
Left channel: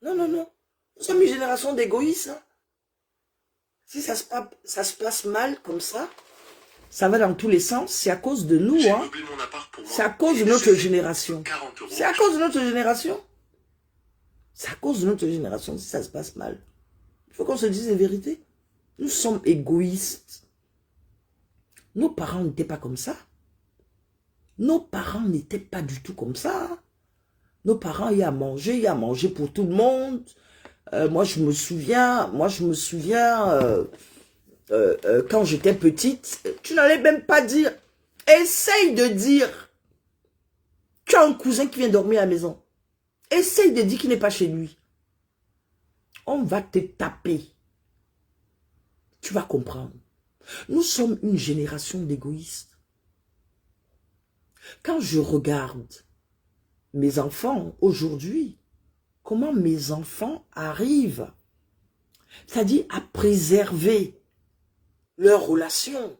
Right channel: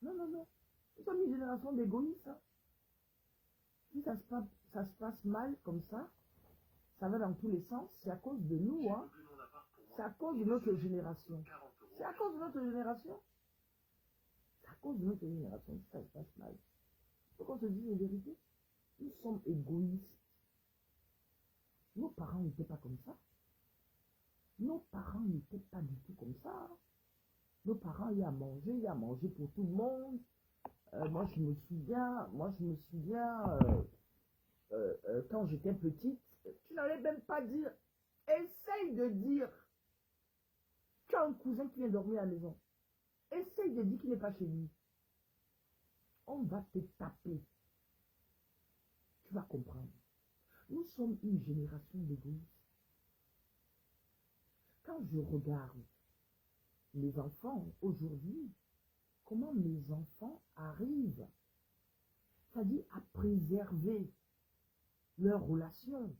Non, non, non. Nous sommes une génération d'égoïstes. Hein? Si ça se passe mal comme ça va dans tous les sens, c'est à cause de nous. Hein? C'est à cause de notre génération. C'est à cause de notre génération. C'est à cause de notre génération si ça se passe mal. Il faut qu'on se dise la vérité. Nous sommes égoïstes. Nos parents n'étaient pas comme ça. Nos parents n'étaient pas du tout comme ça. Nos parents, il y a à manger pour tout le monde. Moi, je me souviens, quand j'étais petite, tu n'allais même pas dire. Essaye de dire. Tu as un cousin qui vient dormir à la maison. Essaye de dire qu'il n'est pas chez lui. On va te taper. Tu vas comprendre. Nous sommes une génération d'égoïstes. Quand je regarde mes enfants aujourd'hui, comment mes enfants arrivent, c'est-à-dire à préserver leurs relations.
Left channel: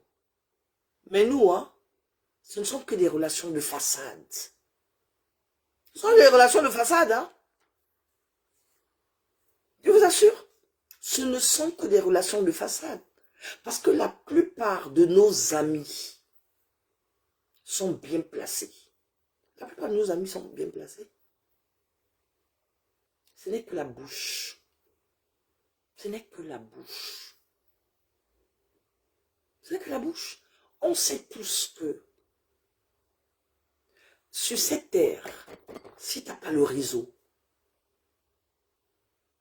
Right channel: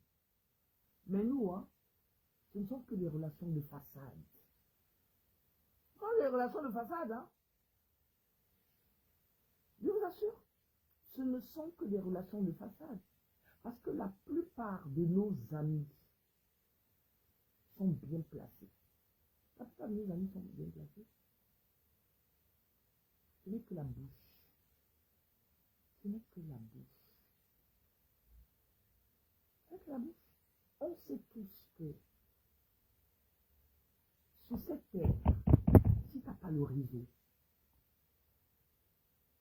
Mais nous, hein, ce ne sont que des relations de façade. Ce sont des relations de façade, hein. Je vous assure, ce ne sont que des relations de façade. Parce que la plupart de nos amis sont bien placés. La plupart de nos amis sont bien placés. Ce n'est que la bouche. Ce n'est que la bouche. Ce n'est que la bouche. On sait tous que sur cette terre, si tu n'as pas le réseau,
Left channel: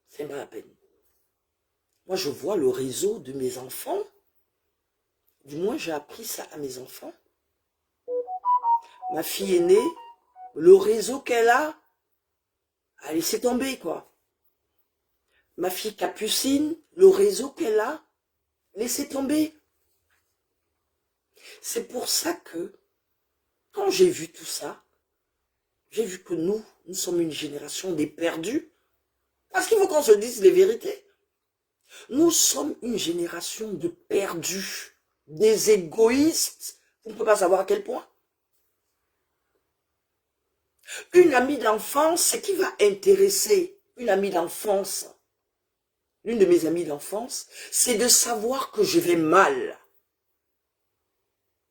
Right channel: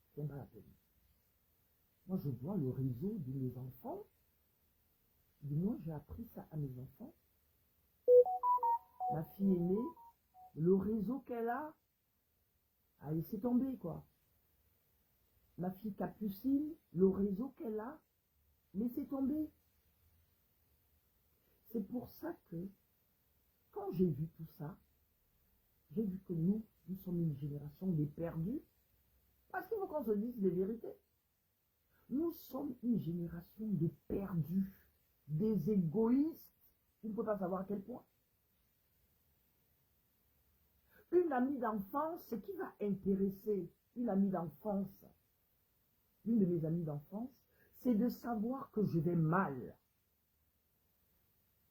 c'est pas la peine. Moi, je vois le réseau de mes enfants. Du moins, j'ai appris ça à mes enfants. Ma fille aînée, le réseau qu'elle a laissé tomber, quoi. Ma fille Capucine, le réseau qu'elle a laissé tomber. C'est pour ça que, quand j'ai vu tout ça, j'ai vu que nous sommes une génération des perdus. Parce qu'il faut qu'on se dise les vérités. Nous sommes une génération de perdus, des égoïstes. Vous ne pouvez pas savoir à quel point. Une amie d'enfance, ce qui va intéresser une amie d'enfance, l'une de mes amies d'enfance, c'est de savoir que je vais mal.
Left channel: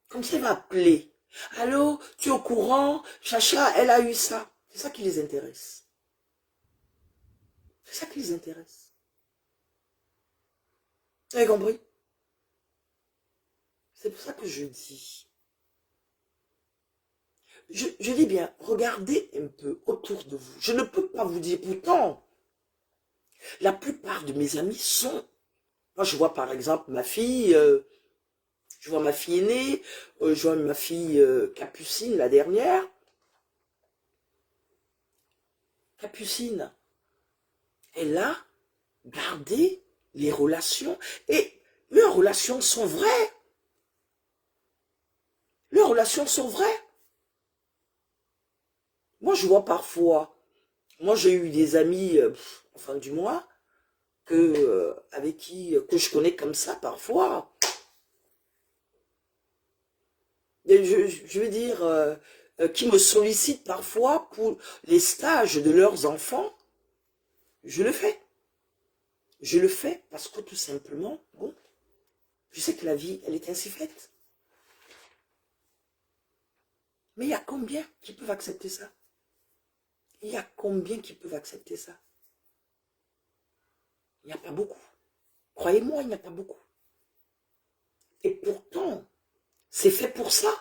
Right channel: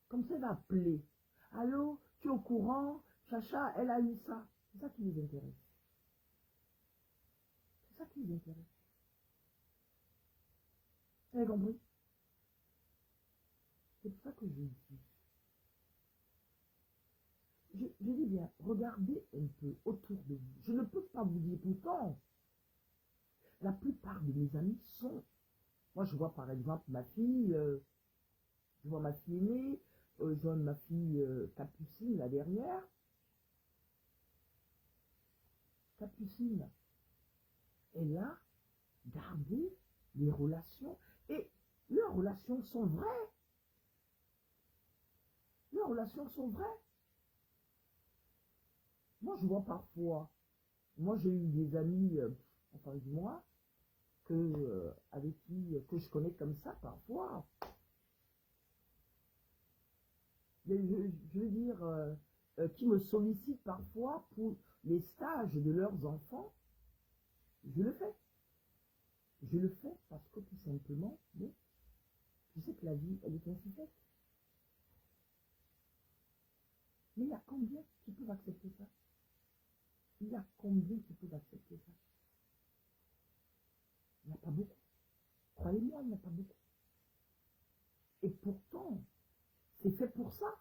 Comme ça, elle va appeler. Allô, tu es au courant? Chacha, elle a eu ça. C'est ça qui les intéresse. C'est ça qui les intéresse. Vous avez compris? C'est pour ça que je dis. Je dis bien, regardez un peu autour de vous. Je ne peux pas vous dire, pourtant, la plupart de mes amis sont... Moi, je vois par exemple ma fille, je vois ma fille aînée, je vois ma fille Capucine, la dernière. Capucine, elle a gardé les relations et leurs relations sont vraies. Leurs relations sont vraies. Moi, je vois parfois, moi j'ai eu des amis, enfin du moins, avec qui, que je connais comme ça parfois. Et je veux dire, qui me sollicitent parfois pour les stages de leurs enfants. Je le fais. Je le fais parce que tout simplement, bon, je sais que la vie, elle est ainsi faite. Mais il y a combien qui peuvent accepter ça? Il y a combien qui peuvent accepter ça? Il n'y a pas beaucoup. Croyez-moi, il n'y a pas beaucoup. Et pourtant, c'est fait pour ça.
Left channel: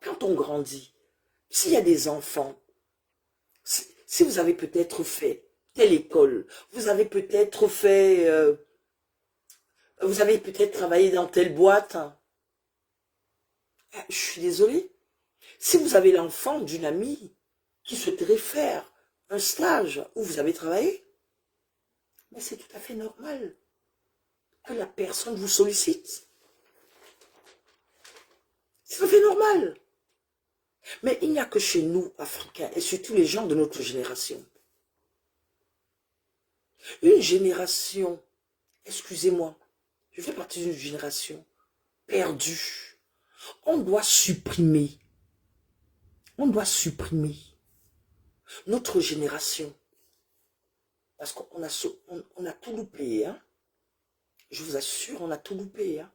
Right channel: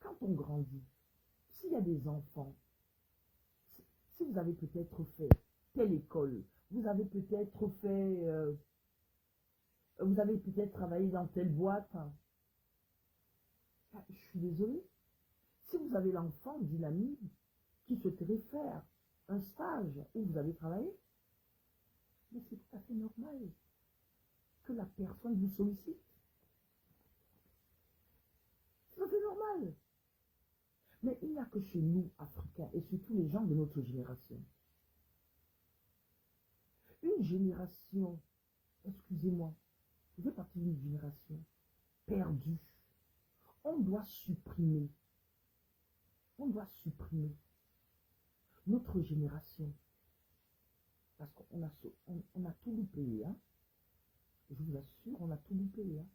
Quand on grandit, s'il y a des enfants, si vous avez peut-être fait telle école, vous avez peut-être fait, vous avez peut-être travaillé dans telle boîte, je suis désolée. Si vous avez l'enfant d'une amie qui souhaiterait faire un stage où vous avez travaillé, mais c'est tout à fait normal que la personne vous sollicite. C'est tout à fait normal. Mais il n'y a que chez nous, Africains, et surtout les gens de notre génération. Une génération, excusez-moi, je fais partie d'une génération perdue. On doit supprimer notre génération. Parce qu'on a tout loupé, hein. Je vous assure, on a tout loupé, hein.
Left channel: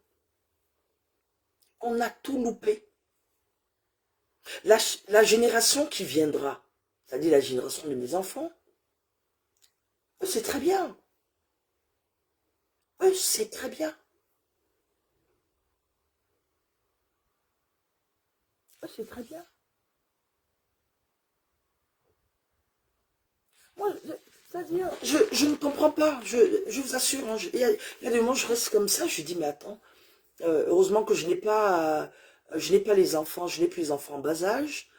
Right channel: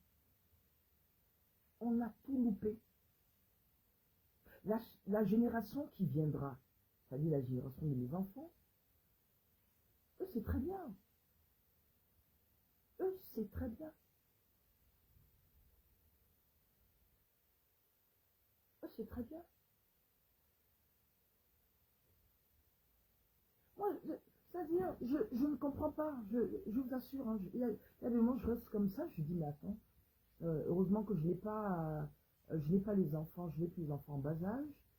On a tout loupé. La génération qui viendra, c'est-à-dire la génération de mes enfants, c'est très bien. C'est très bien. C'est très bien. Moi, c'est-à-dire, je ne comprends pas. Je vous assure, hein, il y a des moments, je reste comme ça, je dis, mais attends, heureusement que je n'ai pas les enfants, je n'ai plus les enfants en bas âge.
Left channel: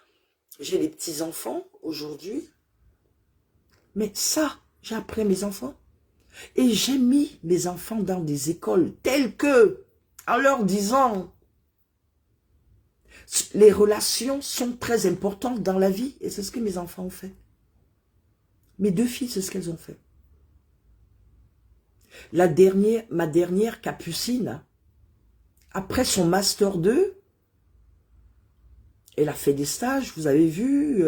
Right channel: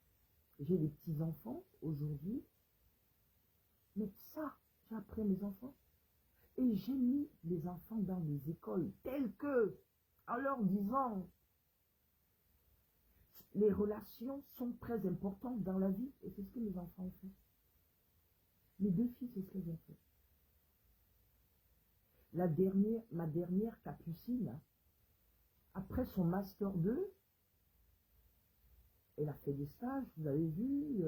J'ai des petits-enfants aujourd'hui. Mais ça, j'ai appris à mes enfants. Et j'ai mis mes enfants dans des écoles telles que, en leur disant, les relations sont très importantes dans la vie. Et c'est ce que mes enfants ont fait. Mes deux filles, c'est ce qu'elles ont fait. Ma dernière Capucine, après son Master 2, elle a fait des stages, vous avez vu.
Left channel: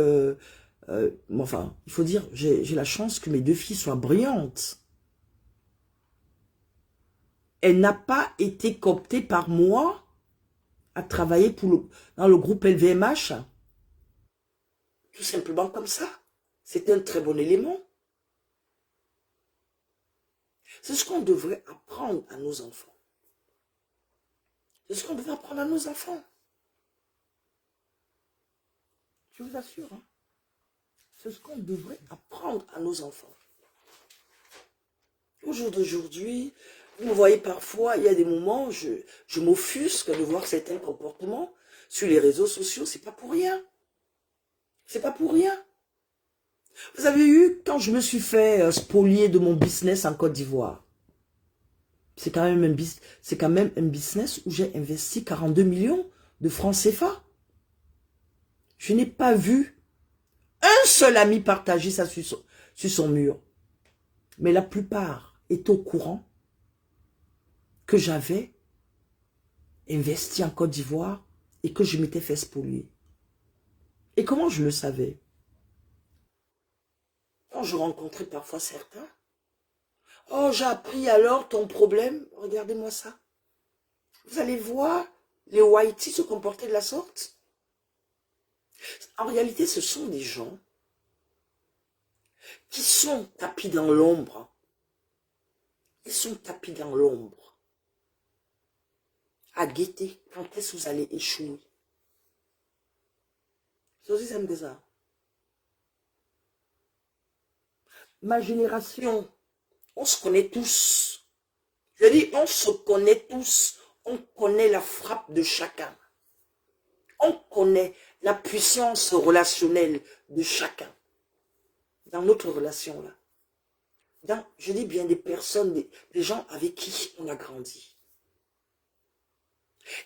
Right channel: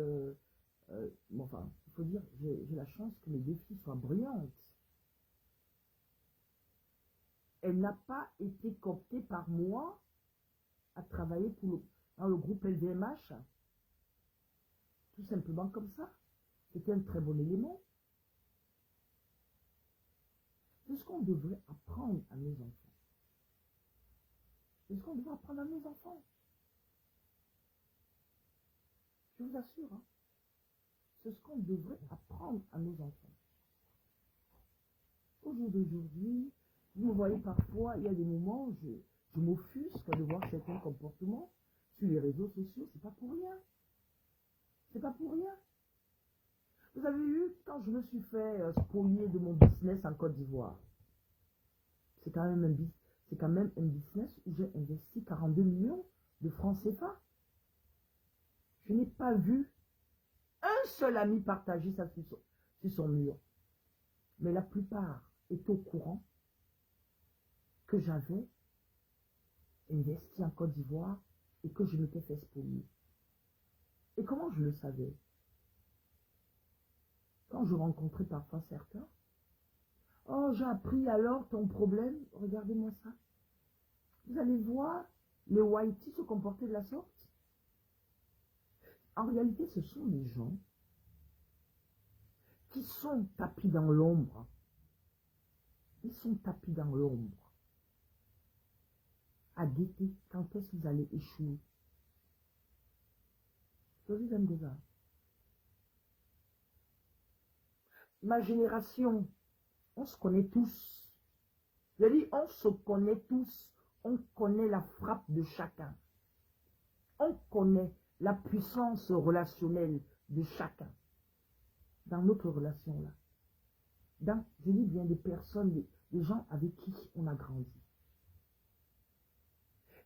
Enfin, il faut dire, j'ai la chance que mes deux filles soient brillantes. Elle n'a pas été cooptée par moi à travailler dans le groupe LVMH. Tout simplement comme ça. C'est un très bon élément. C'est ce qu'on devrait apprendre à nos enfants. C'est ce qu'on devrait apprendre à nos enfants. Je vous assure. Hein. C'est ce qu'on devrait apprendre à nos enfants. Au jour d'aujourd'hui, vous me voyez parfois, il y a des moments, je m'offusque de voir certains comportements sur les réseaux sociaux. C'est pas pour rien. C'est pas pour rien. Vous avez eu, quand je me suis fait spolier de mon business en Côte d'Ivoire, c'est quand même un business où j'ai investi 42 millions de francs CFA. Je n'ai pas vu un seul ami partager ça sur son mur. Mais la plupart est au courant que j'avais investi en Côte d'Ivoire et que je m'étais fait spolier. Et comment je le savais? Quand je rencontrais parfois certains, oh, j'ai appris alors ton problème, regardez-moi ça. Vous allez voir les Whiteys se comporter de la sorte. En réalité, ce sont des gens qui sont tapis dans l'ombre. Ils sont tapis dans l'ombre. à guetter quand est-ce que vous allez échouer. C'est aussi simple que ça. Ma génération, on se connaît tous. Je dis, on se connaît tous. On connaît la frappe de chacun. On connaît la puissance relationnelle de chacun. Dans notre relation là. Je dis bien des personnes, des gens avec qui on a grandi.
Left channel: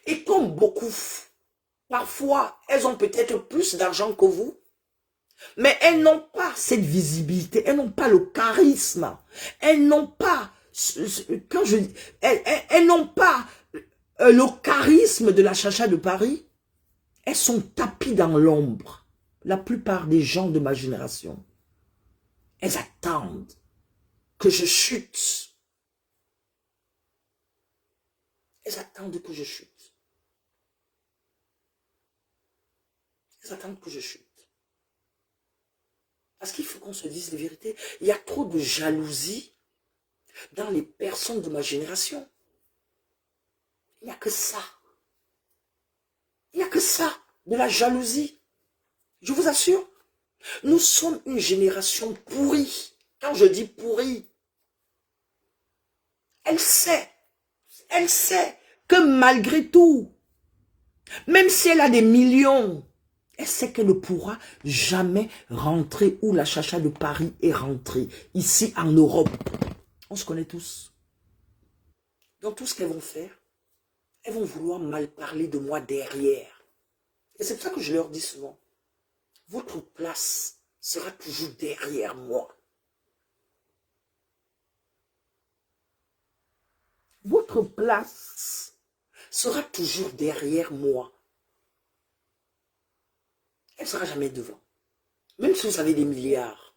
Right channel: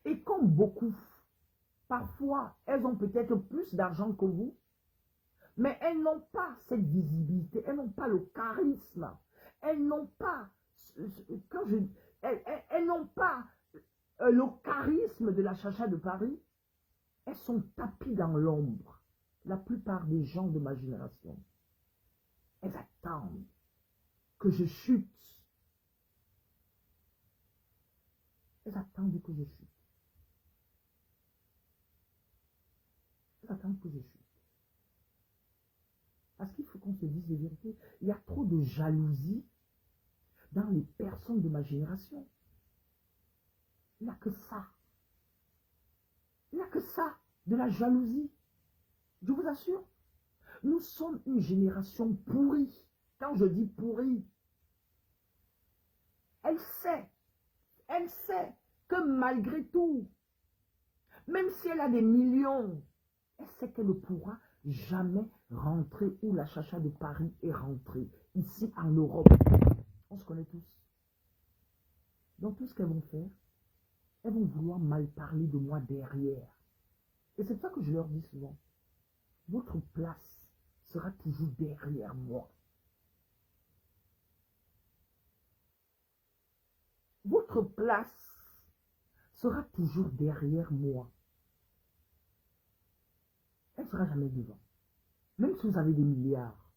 Et comme beaucoup, parfois, elles ont peut-être plus d'argent que vous, mais elles n'ont pas cette visibilité, elles n'ont pas le charisme, elles n'ont pas, elles n'ont pas le charisme de la Chacha de Paris. Elles sont tapies dans l'ombre. La plupart des gens de ma génération, elles attendent que je chute. Elles attendent que je chute. Elles attendent que je chute. Parce qu'il faut qu'on se dise les vérités. Il y a trop de jalousie dans les personnes de ma génération. Il n'y a que ça. Il n'y a que ça, de la jalousie. Je vous assure, nous sommes une génération pourrie. Quand je dis pourrie, elle sait que malgré tout, même si elle a des millions, elle sait qu'elle ne pourra jamais rentrer où la Chacha de Paris est rentrée, ici en Europe. On se connaît tous. Donc tout ce qu'elles vont faire, elles vont vouloir mal parler de moi derrière. Et c'est pour ça que je leur dis souvent, votre place sera toujours derrière moi. Votre place sera toujours derrière moi. Elle ne sera jamais devant. Même si vous avez des milliards.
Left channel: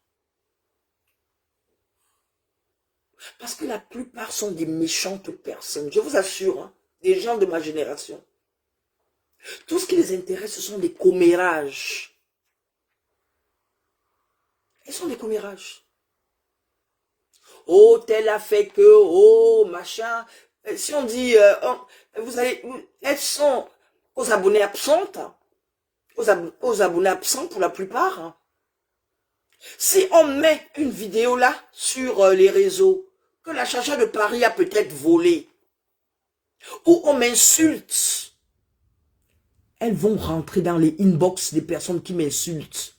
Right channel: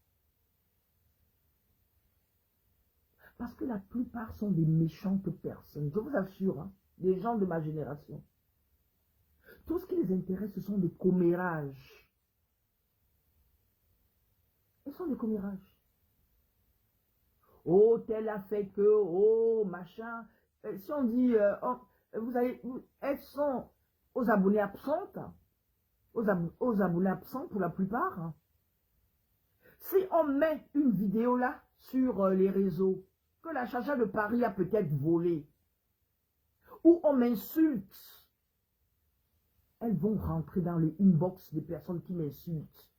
Parce que la plupart sont des méchantes personnes. Je vous assure, hein, des gens de ma génération. Tout ce qui les intéresse, ce sont des commérages. Ils sont des commérages. Oh, tel a fait que, oh, machin. Si on dit, elles sont aux abonnés absentes. Aux abonnés absents pour la plupart. Hein. Si on met une vidéo là sur les réseaux, que la Chacha de Paris a peut-être volé, ou on m'insulte, elles vont rentrer dans les inbox des personnes qui m'insultent.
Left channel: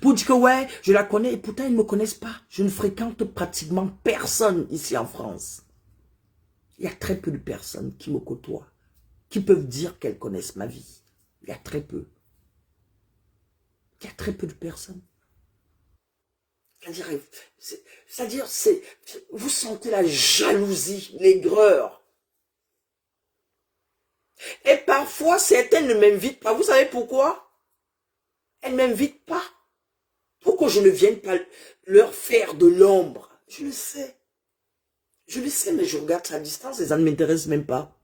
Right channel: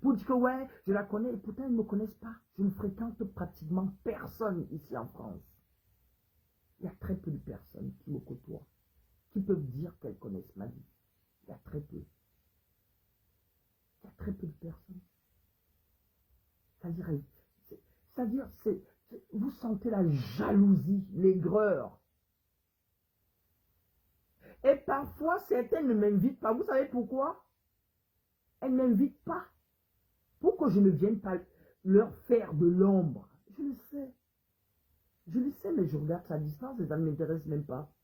Pour dire que ouais, je la connais, et pourtant ils ne me connaissent pas. Je ne fréquente pratiquement personne ici en France. Il y a très peu de personnes qui me côtoient, qui peuvent dire qu'elles connaissent ma vie. Il y a très peu. Il y a très peu de personnes. C'est-à-dire, vous sentez la jalousie, l'aigreur. Et parfois, certaines ne m'invitent pas. Vous savez pourquoi? Elles ne m'invitent pas. Pour que je ne vienne pas leur faire de l'ombre. Je le sais. Je le sais, mais je regarde ça à distance et ça ne m'intéresse même pas.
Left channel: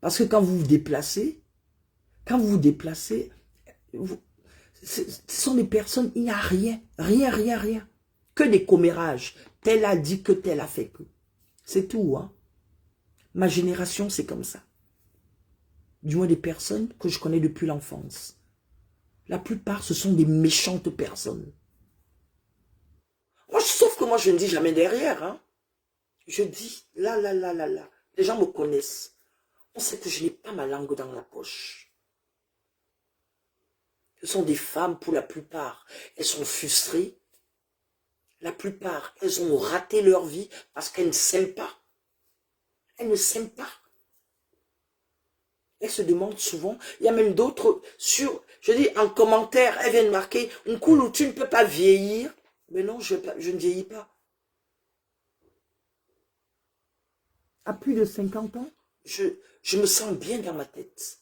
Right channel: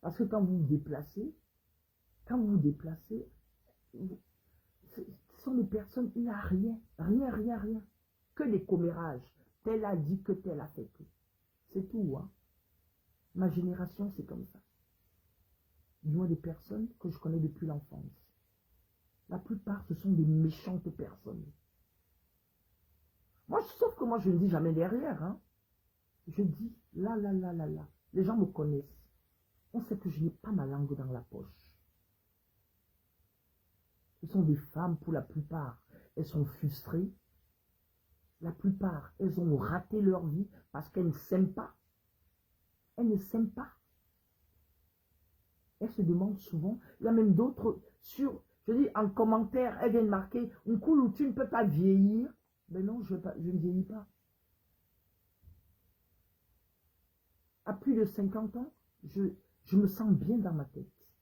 Parce que quand vous vous déplacez, ce sont des personnes, il n'y a rien. Que des commérages. Tel a dit que tel a fait que. C'est tout, hein. Ma génération, c'est comme ça. Du moins des personnes que je connais depuis l'enfance. La plupart, ce sont des méchantes personnes. Moi, sauf que moi, je ne dis jamais derrière. Hein. Je dis là. Les gens me connaissent. On sait que je n'ai pas ma langue dans la poche. Ce sont des femmes pour la plupart. Elles sont frustrées. La plupart, elles ont raté leur vie parce qu'elles ne s'aiment pas. Elles ne s'aiment pas. Elles se demandent souvent, il y a même d'autres je dis en commentaire, elles viennent marquer, un coup où tu ne peux pas vieillir. Mais non, je ne vieillis pas. À plus de 50 ans, je me sens bien dans ma tête.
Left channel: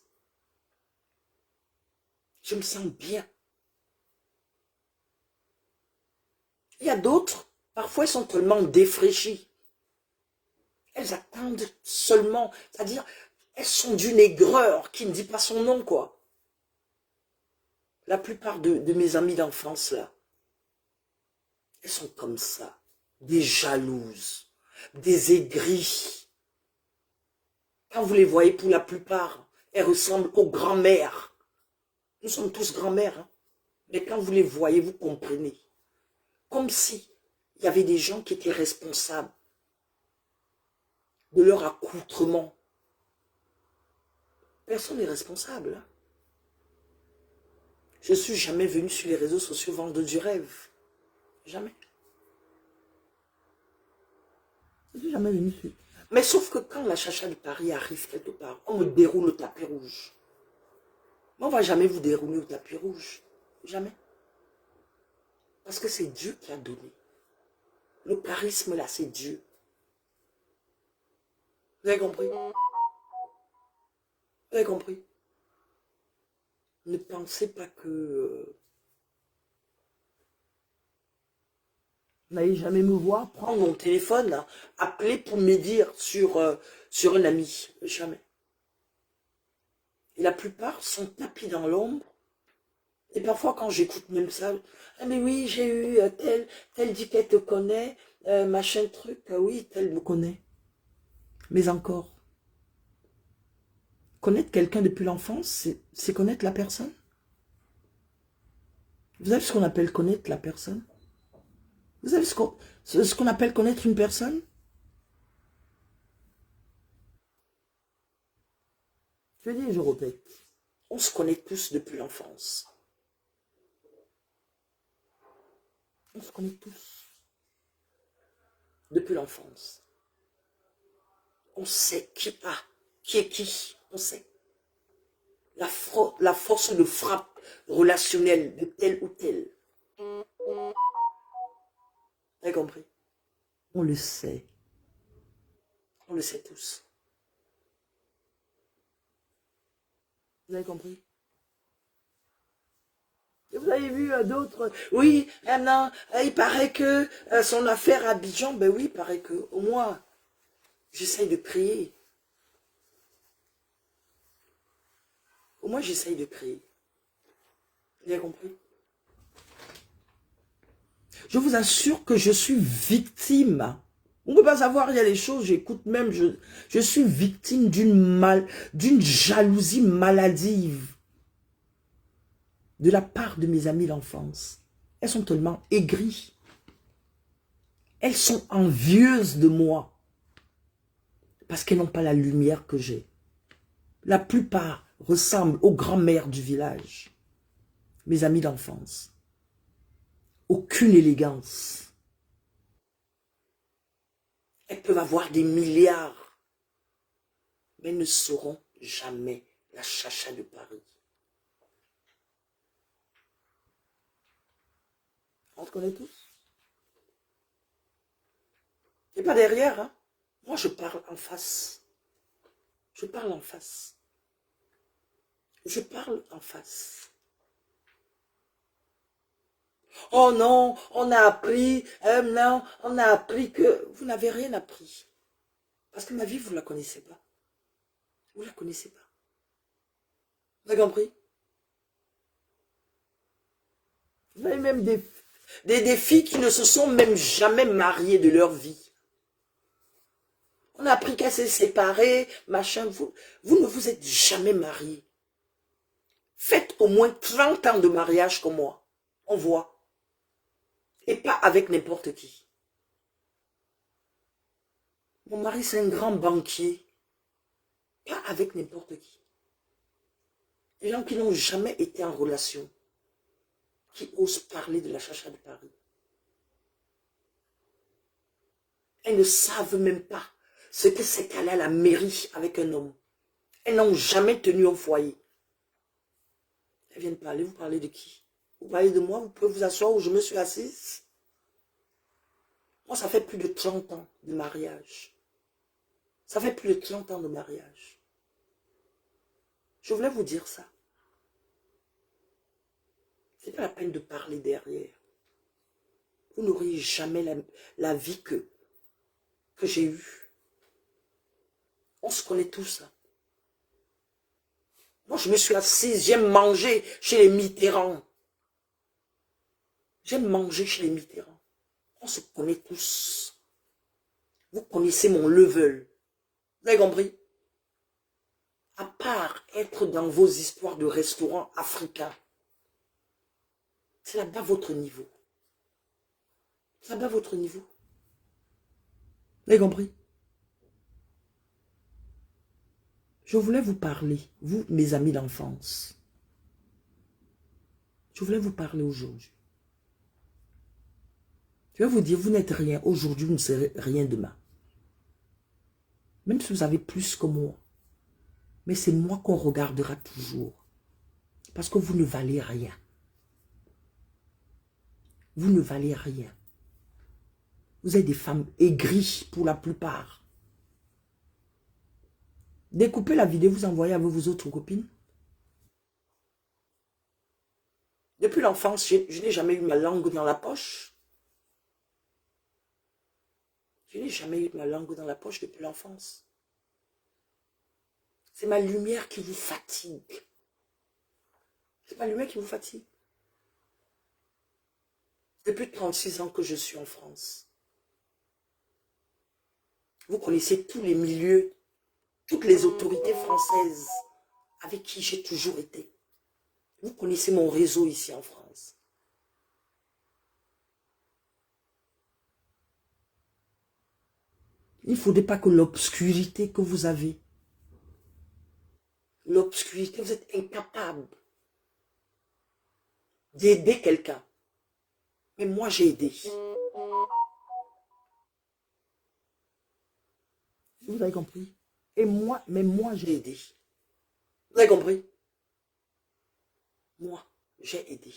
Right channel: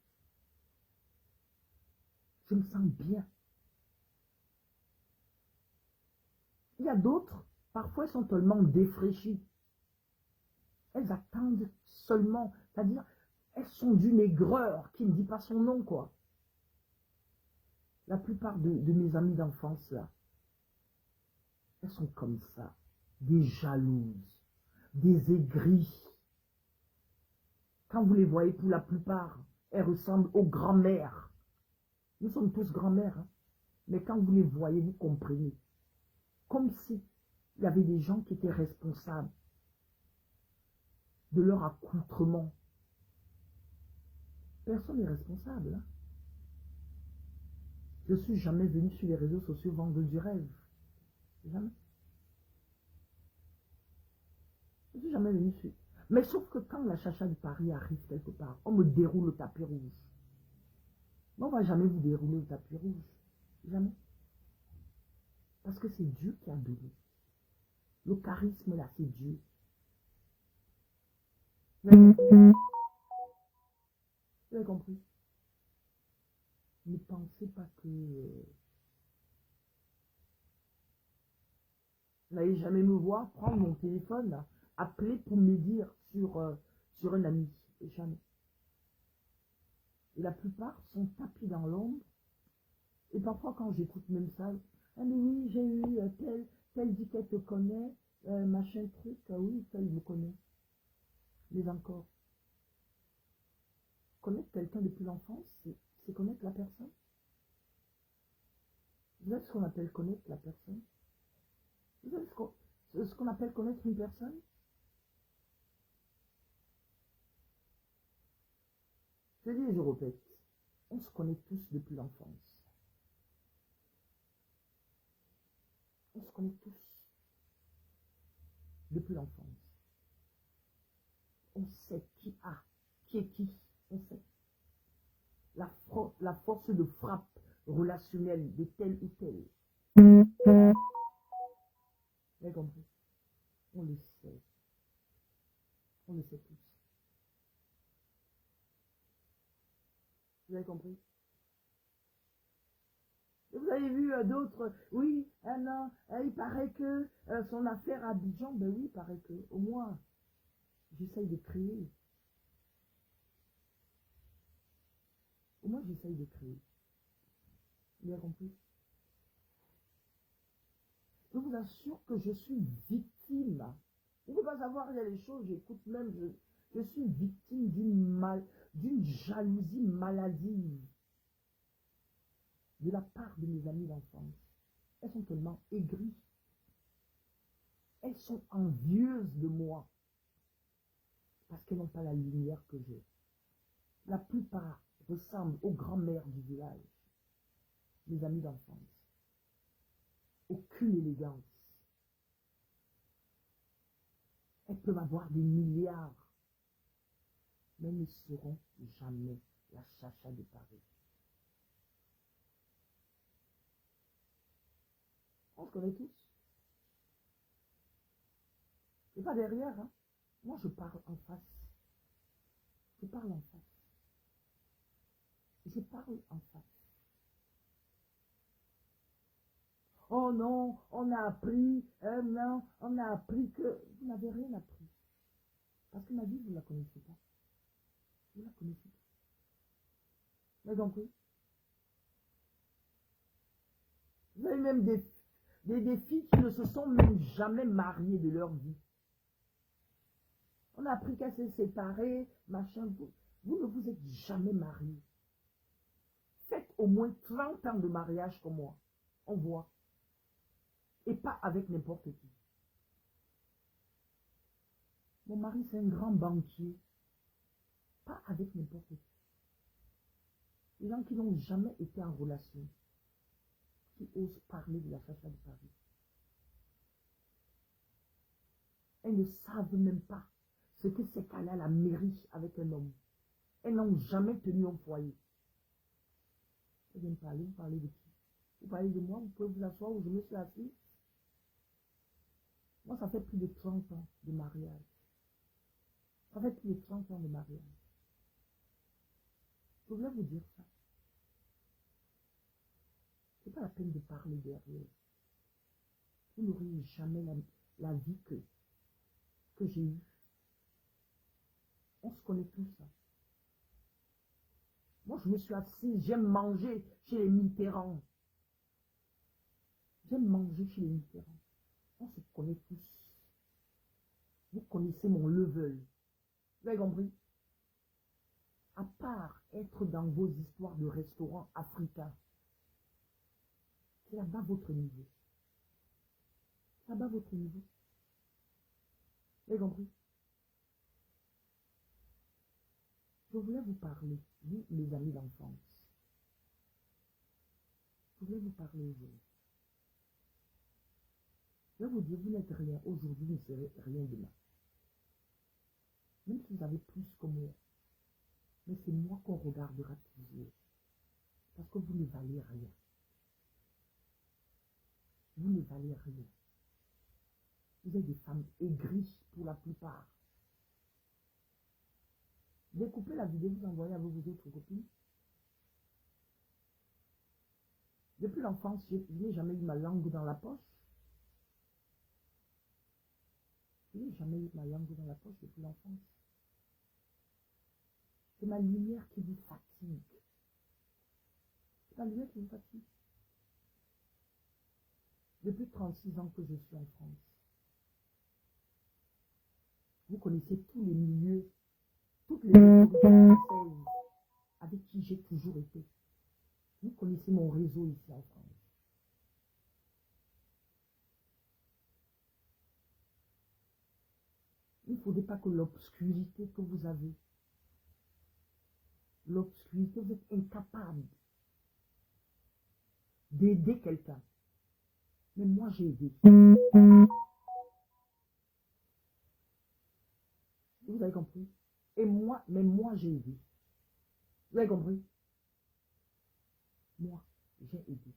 Je me sens bien. Il y a d'autres, parfois elles sont tellement défraîchies. Elles attendent seulement, c'est-à-dire, elles sont d'une aigreur qui ne dit pas son nom, quoi. La plupart de mes amis d'enfance, là, elles sont comme ça, des jalouses, des aigries. Quand vous les voyez, pour la plupart, elles ressemblent aux grand-mères. Nous sommes tous grand-mères. Hein? Mais quand vous les voyez, vous comprenez. Comme si il y avait des gens qui étaient responsables de leur accoutrement. Personne n'est responsable. Hein? Je ne suis jamais venu sur les réseaux sociaux vendre du rêve. Jamais. Je ne suis jamais venu sur... Mais sauf que quand la chacha de Paris arrive quelque part, on me déroule le tapis rouge. Mais on ne va jamais vous dérouler le tapis rouge. Jamais. Parce que c'est Dieu qui a donné. Le charisme là, c'est Dieu. Vous avez compris? Vous avez compris? Ne pensez pas que... Vous n'allez jamais me voir prendre mon téléphone, là, appeler pour me dire sur un ami. Jamais. Et la plupart sont tapis dans l'ombre. Et parfois, quand j'écoute même ça, ah mais oui, j'ai eu tel dit qu'elle te connaît, machin truc, oui, tel me connaît. Mais encore, connaître quelqu'un depuis l'enfance, c'est connaître la personne. Vous savez ce qu'on appelle connaître la personne? Vous savez ce qu'on appelle connaître une personne? Je dis et je répète, on se connaît tous depuis l'enfance. On se connaît tous depuis l'enfance. On sait qui est qui, on sait. La force de frappe relationnelle de tel ou tel. Vous avez compris? On le sait. On le sait tous. Vous avez compris? Et vous avez vu d'autres, oui, non, il paraît que son affaire à Abidjan, ben oui, il paraît que, au moins, j'essaye de prier. Au moins, j'essaye de prier. Vous avez compris? Je vous assure que je suis victime. On ne peut pas savoir, il y a des choses, j'écoute même, je suis victime d'une jalousie maladive de la part de mes amies d'enfance. Elles sont tellement aigries. Elles sont envieuses de moi. Parce qu'elles n'ont pas la lumière que j'ai. La plupart ressemblent aux grands-mères du village. Mes amies d'enfance. Aucune élégance. Elles peuvent avoir des milliards. Mais ne seront jamais la chacha de Paris. On te connaît tous. Et pas derrière, hein. Moi, je parle en face. Je parle en face. Je parle en face. Oh non, on a appris, non, on a appris que... Vous n'avez rien appris. Parce que ma vie, vous ne la connaissez pas. Vous ne la connaissez pas. Vous avez compris? Vous avez même des filles qui ne se sont même jamais mariées de leur vie. On a appris qu'elle s'est séparée, machin. Vous ne vous êtes jamais mariés. Faites au moins 30 ans de mariage comme moi. On voit. Et pas avec n'importe qui. Mon mari, c'est un grand banquier. Pas avec n'importe qui. Les gens qui n'ont jamais été en relation. Qui osent parler de la chacha de Paris. Elles ne savent même pas ce que c'est qu'aller à la mairie avec un homme. Elles n'ont jamais tenu au foyer. Elles viennent parler, vous parlez de qui? Vous parlez de moi, vous pouvez vous asseoir où je me suis assise. Moi, ça fait plus de 30 ans de mariage. Ça fait plus de 30 ans de mariage. Je voulais vous dire ça. C'est pas la peine de parler derrière. Vous n'aurez jamais la vie que j'ai eue. On se connaît tous. Hein. Moi, je me suis assise, j'aime manger chez les Mitterrand. J'aime manger chez les Mitterrand. On se connaît tous. Vous connaissez mon level. Vous avez compris? à part être dans vos histoires de restaurants africains, c'est là-bas votre niveau. C'est là-bas votre niveau. Vous avez compris? Je voulais vous parler, vous, mes amis d'enfance. Je voulais vous parler aujourd'hui. Je vais vous dire, vous n'êtes rien aujourd'hui, vous ne serez rien demain. Même si vous avez plus que moi. Mais c'est moi qu'on regardera toujours. Parce que vous ne valez rien. Vous ne valez rien. Vous êtes des femmes aigries pour la plupart. Découpez la vidéo, vous envoyez avec vos autres copines. Depuis l'enfance, je n'ai jamais eu ma langue dans la poche. Je n'ai jamais eu ma langue dans la poche depuis l'enfance. C'est ma lumière qui vous fatigue. C'est ma lumière qui vous fatigue. Depuis 36 ans que je suis en France. Vous connaissez tous les milieux, toutes les autorités françaises avec qui j'ai toujours été. Vous connaissez mon réseau ici en France. Il ne faudrait pas que l'obscurité que vous avez, l'obscurité, vous êtes incapable d'aider quelqu'un. Mais moi, j'ai aidé. Vous avez compris? Et moi, mais moi, j'ai aidé. Vous avez compris? Moi, j'ai aidé.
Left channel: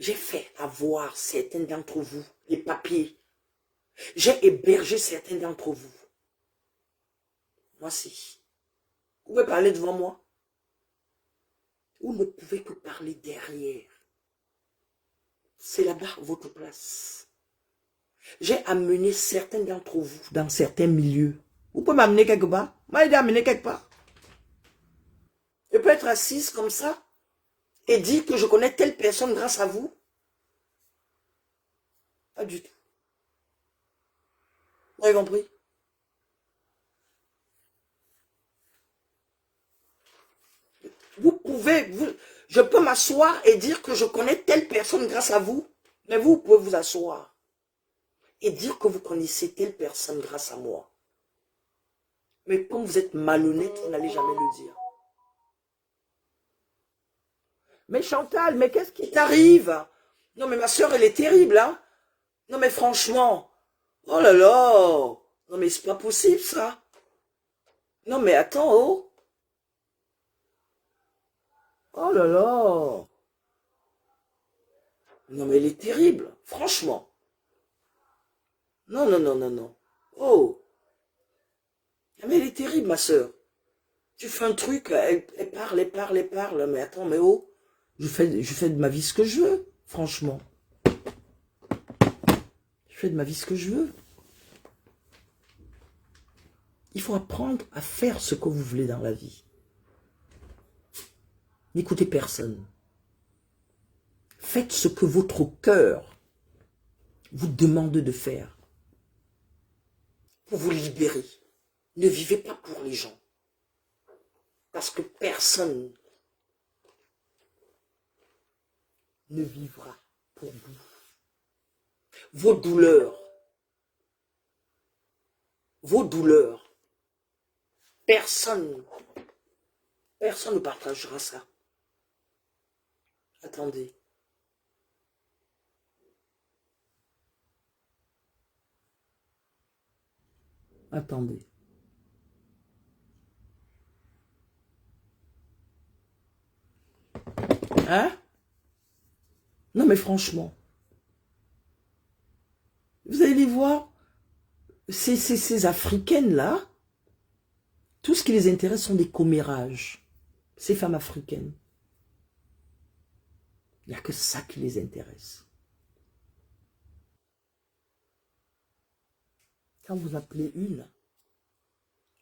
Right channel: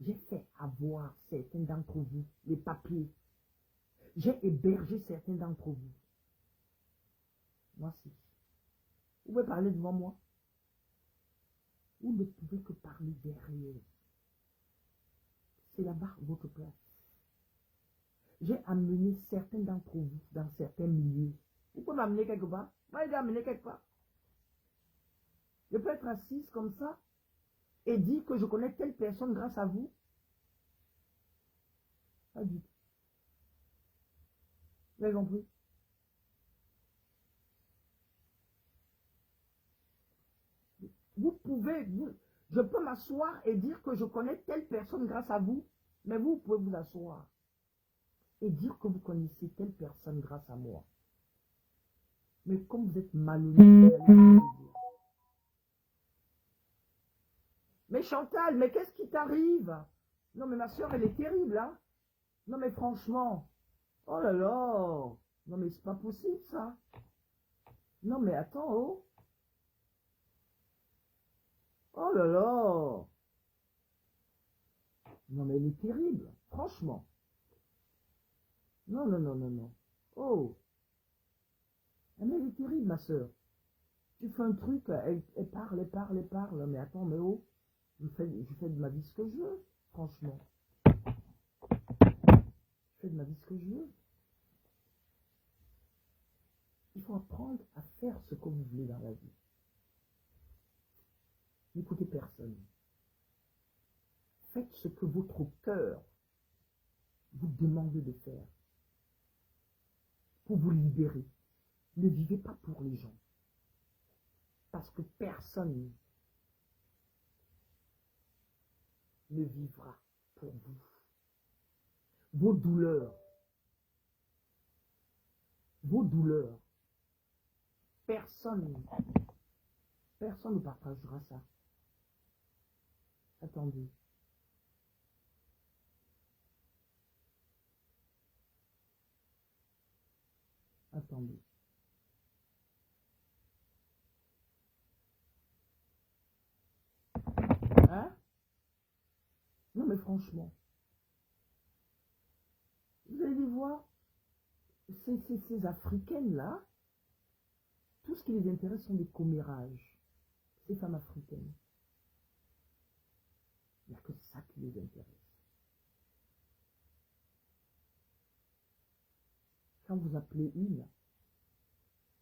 J'ai fait avoir certains d'entre vous les papiers. J'ai hébergé certains d'entre vous. Moi, si. Vous pouvez parler devant moi. Vous ne pouvez que parler derrière. C'est là-bas votre place. J'ai amené certains d'entre vous dans certains milieux. Vous pouvez m'amener quelque part. Moi, j'ai amené quelque part. Je peux être assise comme ça et dire que je connais telle personne grâce à vous. Pas du tout. Vous avez compris? Vous pouvez, je peux m'asseoir et dire que je connais telle personne grâce à vous, mais vous pouvez vous asseoir et dire que vous connaissez telle personne grâce à moi. Mais comme vous êtes malhonnête, vous n'allez jamais le dire. Mais Chantal, mais qu'est-ce qui t'arrive? Non, mais ma soeur, elle est terrible, hein? Non, mais franchement, oh là là, non, mais c'est pas possible, ça. Non, mais attends, oh. Oh là là. Non, mais elle est terrible, franchement. Non, non, non, non, non. Oh. Mais elle est terrible, ma soeur. Tu fais un truc, elle parle, elle parle, elle parle. Mais attends, mais oh. Je fais de ma vie ce que je veux, franchement. Je fais de ma vie ce que je veux. Il faut apprendre à faire ce que vous voulez dans la vie. N'écoutez personne. Faites ce que votre cœur vous demande de faire. Pour vous libérer. Ne vivez pas pour les gens. Parce que personne ne vivra pour vous. Vos douleurs, personne ne partagera ça. Attendez. Attendez. Hein? Non, mais franchement. Vous allez les voir, ces Africaines-là, tout ce qui les intéresse sont des commérages. Ces femmes africaines. Il n'y a que ça qui les intéresse. Quand vous appelez une,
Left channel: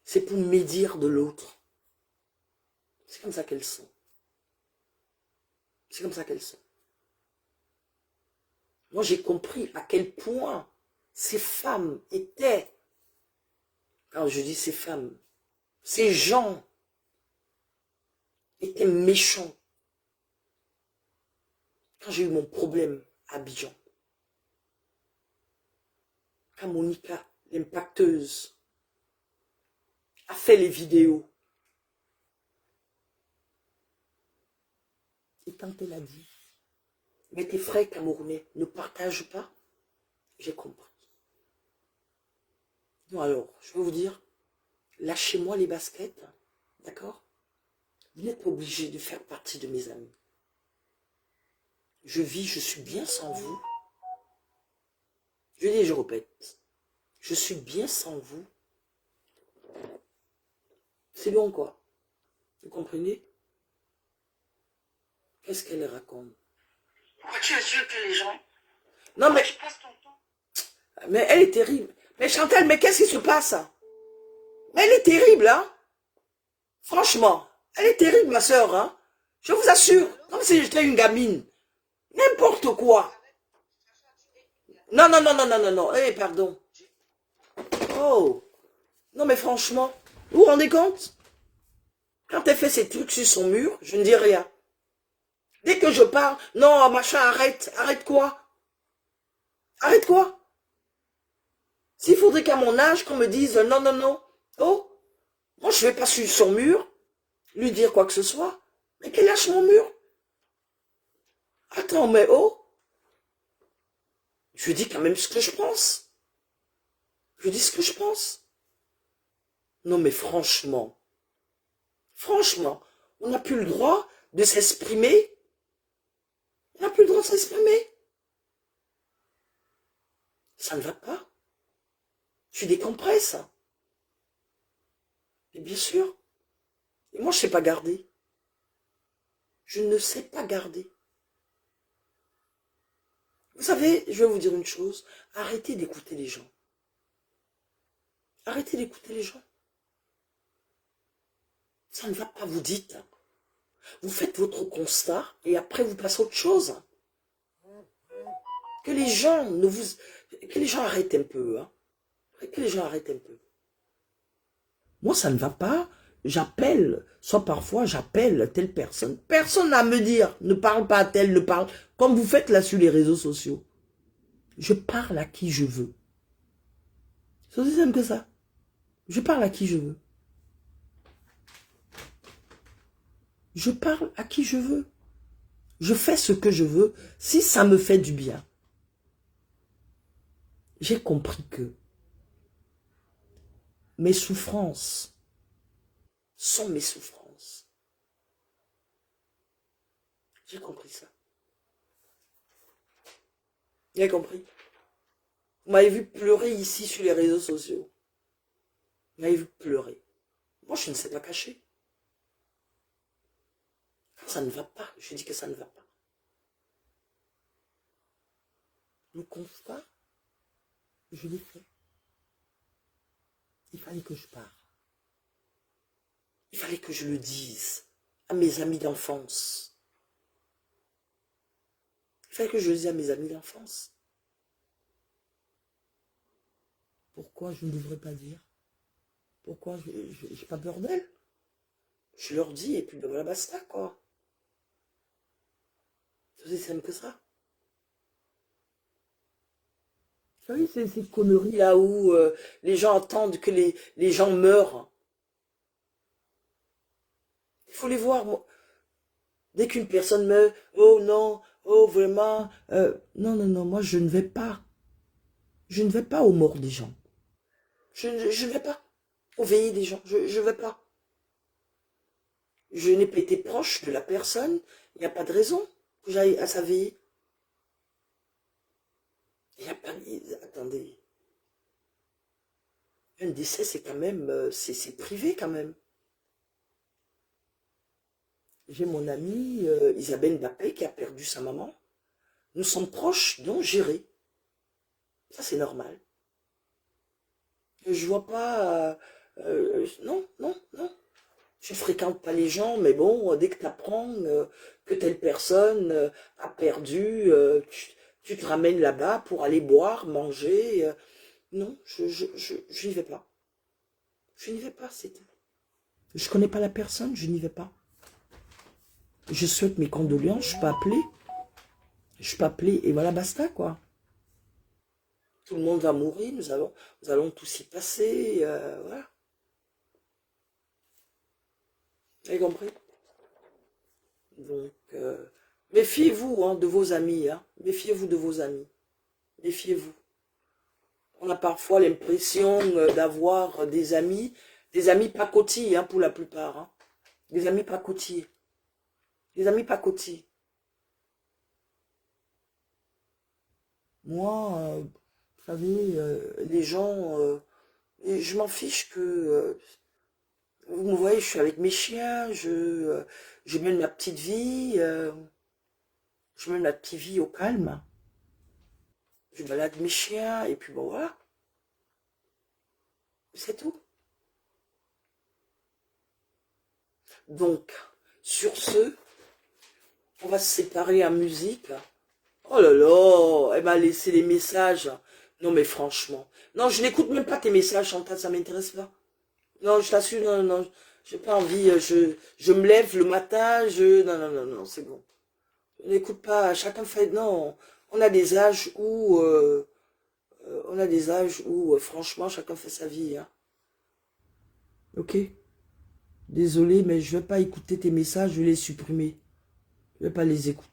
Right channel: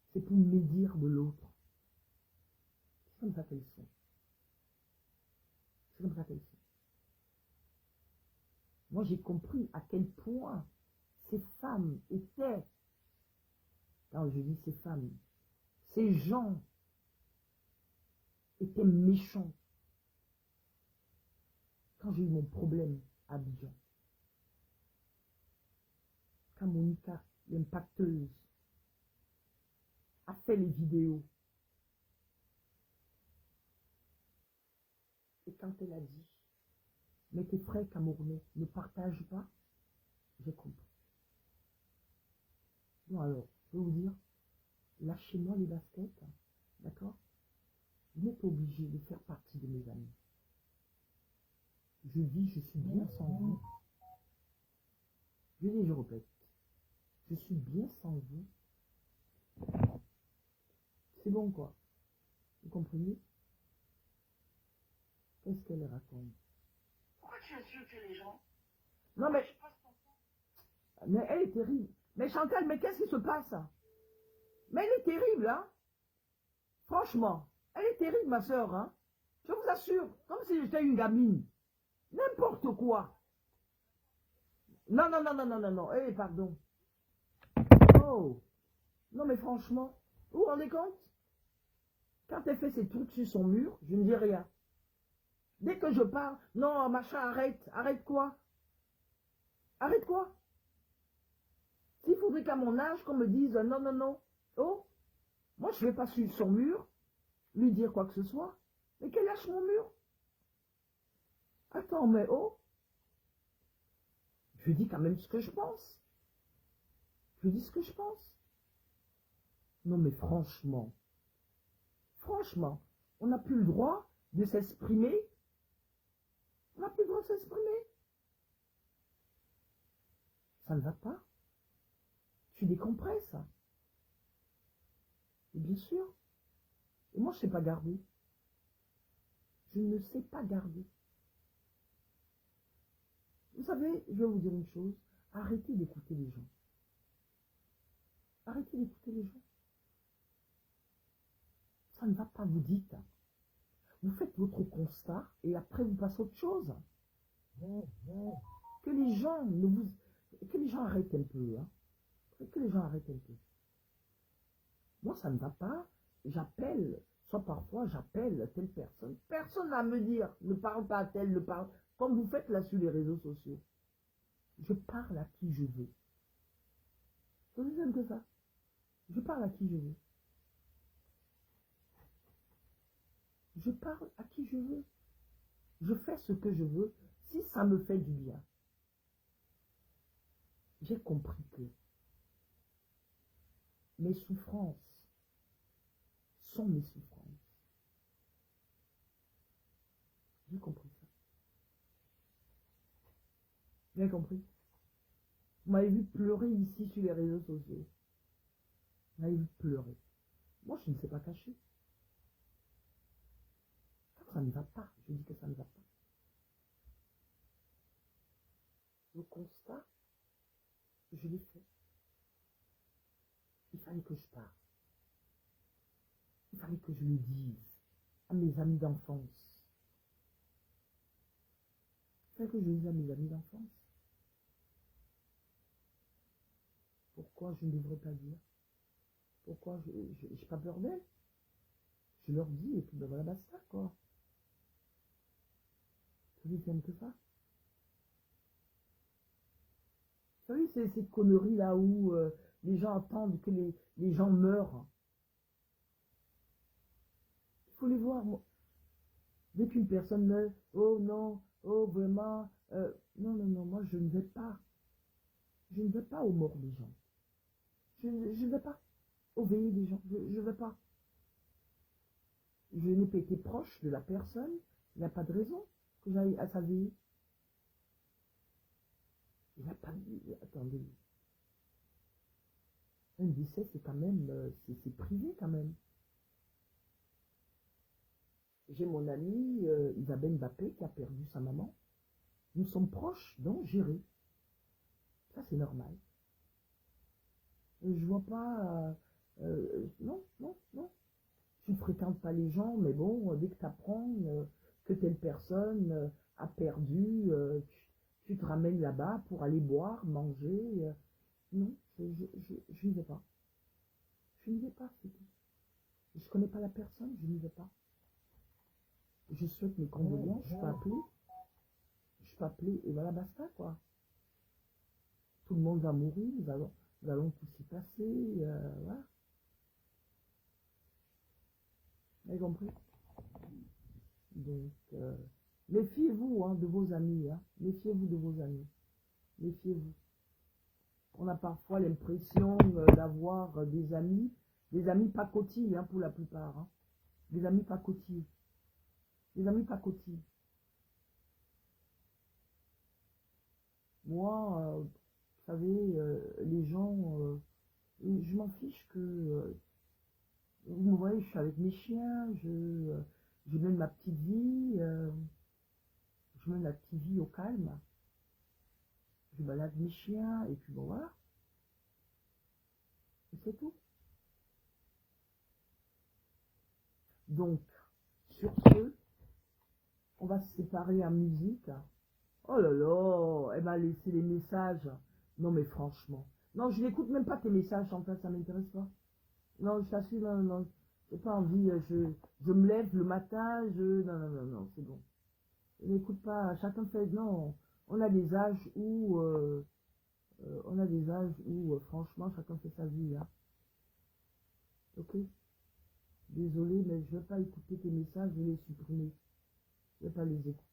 c'est pour médire de l'autre. C'est comme ça qu'elles sont. C'est comme ça qu'elles sont. Moi, j'ai compris à quel point ces femmes étaient, quand je dis ces femmes, Ces gens étaient méchants. Quand j'ai eu mon problème à Abidjan, quand Monica, l'impacteuse, a fait les vidéos, et quand elle a dit, mais tes frères camerounais ne partagent pas, j'ai compris. Non, alors, je vais vous dire, lâchez-moi les baskets, d'accord? Vous n'êtes pas obligé de faire partie de mes amis. Je vis, je suis bien sans vous. Je dis et je répète, je suis bien sans vous. C'est bon quoi? Vous comprenez? Qu'est-ce qu'elle raconte? Pourquoi tu insultes les gens? Non mais, Tu passes ton temps. mais elle est terrible. Mais Chantal, mais qu'est-ce qui se passe? Mais elle est terrible, hein? Franchement, elle est terrible, ma soeur, hein? Je vous assure, comme si j'étais une gamine. N'importe quoi. Non, non, non, non, non, non, non. Eh, pardon. Oh. Non, mais franchement, vous vous rendez compte? Quand elle fait ses trucs sur son mur, je ne dis rien. Dès que je parle, non, machin, arrête. Arrête quoi? Arrête quoi? S'il faudrait qu'à mon âge, qu'on me dise non, non, non. Oh, moi, je ne vais pas sur son mur, lui dire quoi que ce soit. Mais qu'elle lâche mon mur. Attends, mais oh. Je dis quand même ce que je pense. Je dis ce que je pense. Non, mais franchement, on n'a plus le droit de s'exprimer. On n'a plus le droit de s'exprimer. Ça ne va pas. Tu décompresses. Mais bien sûr. Et moi, je ne sais pas garder. Je ne sais pas garder. Vous savez, je vais vous dire une chose. Arrêtez d'écouter les gens. Arrêtez d'écouter les gens. Ça ne va pas, vous dites. Vous faites votre constat et après vous passez à autre chose. Que les gens arrêtent un peu. Hein. Que les gens arrêtent un peu. Moi, ça ne va pas. J'appelle, soit parfois j'appelle telle personne. Personne n'a à me dire, ne parle pas à tel, ne parle. Comme vous faites là sur les réseaux sociaux. Je parle à qui je veux. C'est aussi simple que ça. Je parle à qui je veux. Je parle à qui je veux. Je fais ce que je veux si ça me fait du bien. J'ai compris que mes souffrances sont mes souffrances. J'ai compris ça. Vous avez compris? Vous m'avez vu pleurer ici sur les réseaux sociaux. Vous m'avez vu pleurer. Moi, je ne sais pas cacher. Ça ne va pas. Je dis que ça ne va pas. Le constat, je l'ai fait. Il fallait que je parle. Il fallait que je le dise à mes amis d'enfance. Il fallait que je le dise à mes amis d'enfance. Pourquoi je ne devrais pas dire? Pourquoi je n'ai pas peur d'elle? Je leur dis et puis ben voilà, basta quoi. C'est aussi simple que ça. Vous savez, c'est ces conneries là où les gens attendent que les gens meurent. Il faut les voir. Moi. Dès qu'une personne meurt, oh non, oh vraiment, non, non, non, moi je ne vais pas. Je ne vais pas aux morts des gens. Je ne vais pas aux veillées des gens. Je ne vais pas. Je n'ai pas été proche de la personne. Il n'y a pas de raison que j'aille à sa veillée. Il n'y a pas de... Attendez. Un décès, c'est quand même... C'est privé quand même. J'ai mon amie Isabelle Mbappé qui a perdu sa maman. Nous sommes proches, donc gérés. Ça, c'est normal. Je vois pas... non, non, non. Tu ne fréquentes pas les gens, mais bon, dès que tu apprends que telle personne a perdu, tu te ramènes là-bas pour aller boire, manger. Non, je n'y vais pas. Je n'y vais pas, c'est tout. Je connais pas la personne, je n'y vais pas. Je souhaite mes condoléances, je peux appeler. Je peux appeler et voilà, basta, quoi. Tout le monde va mourir, nous allons tous y passer, voilà. Vous avez compris? Donc, méfiez-vous hein, de vos amis, hein. Méfiez-vous de vos amis. Méfiez-vous. On a parfois l'impression d'avoir des amis pacotilles, hein, pour la plupart. Hein. Des amis pacotilles. Des amis pacotilles. Moi, vous savez, les gens, je m'en fiche que, vous me voyez, je suis avec mes chiens, je mène ma petite vie, je mène ma petite vie au calme. Je balade mes chiens, et puis bon, voilà. C'est tout. Donc, sur ce, on va se séparer en musique. Oh là là, elle m'a laissé des messages. Non mais franchement. Non, je n'écoute même pas tes messages, Chantal, ça m'intéresse pas. Non, je t'assure, non, non, j'ai pas envie. Je me lève le matin, non, c'est bon. Je n'écoute pas, chacun fait... Non, on a des âges où... franchement, chacun fait sa vie. Hein. Ok? Désolé, mais je ne vais pas écouter tes messages, je vais les supprimer. Je ne vais pas les écouter.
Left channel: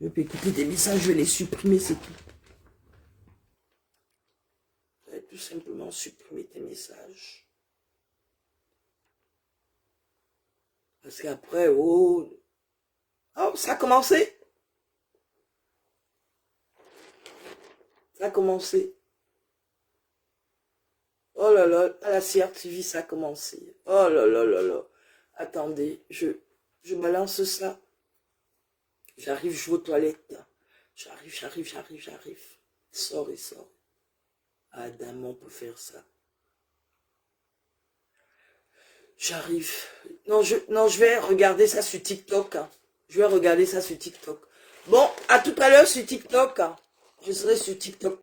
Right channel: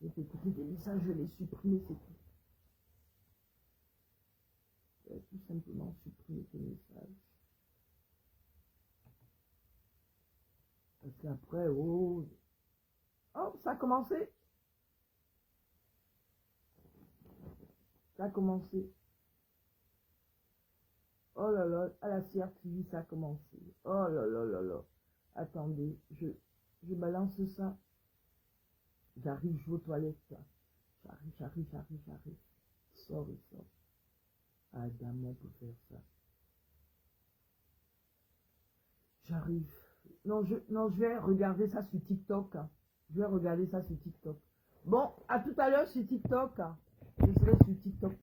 Je vais pas écouter tes messages, je vais les supprimer, c'est tout. Je vais tout simplement supprimer tes messages. Parce qu'après, oh, ça a commencé. Ça a commencé. Oh là là, à la CRTV, ça a commencé. Oh là là là là. Attendez, je balance ça. J'arrive, je vais aux toilettes. J'arrive. Sors. Adam, on peut faire ça. J'arrive. Non, je vais regarder ça sur TikTok. Hein. Je vais regarder ça sur TikTok. Bon, à tout à l'heure sur TikTok. Hein. Je serai sur TikTok.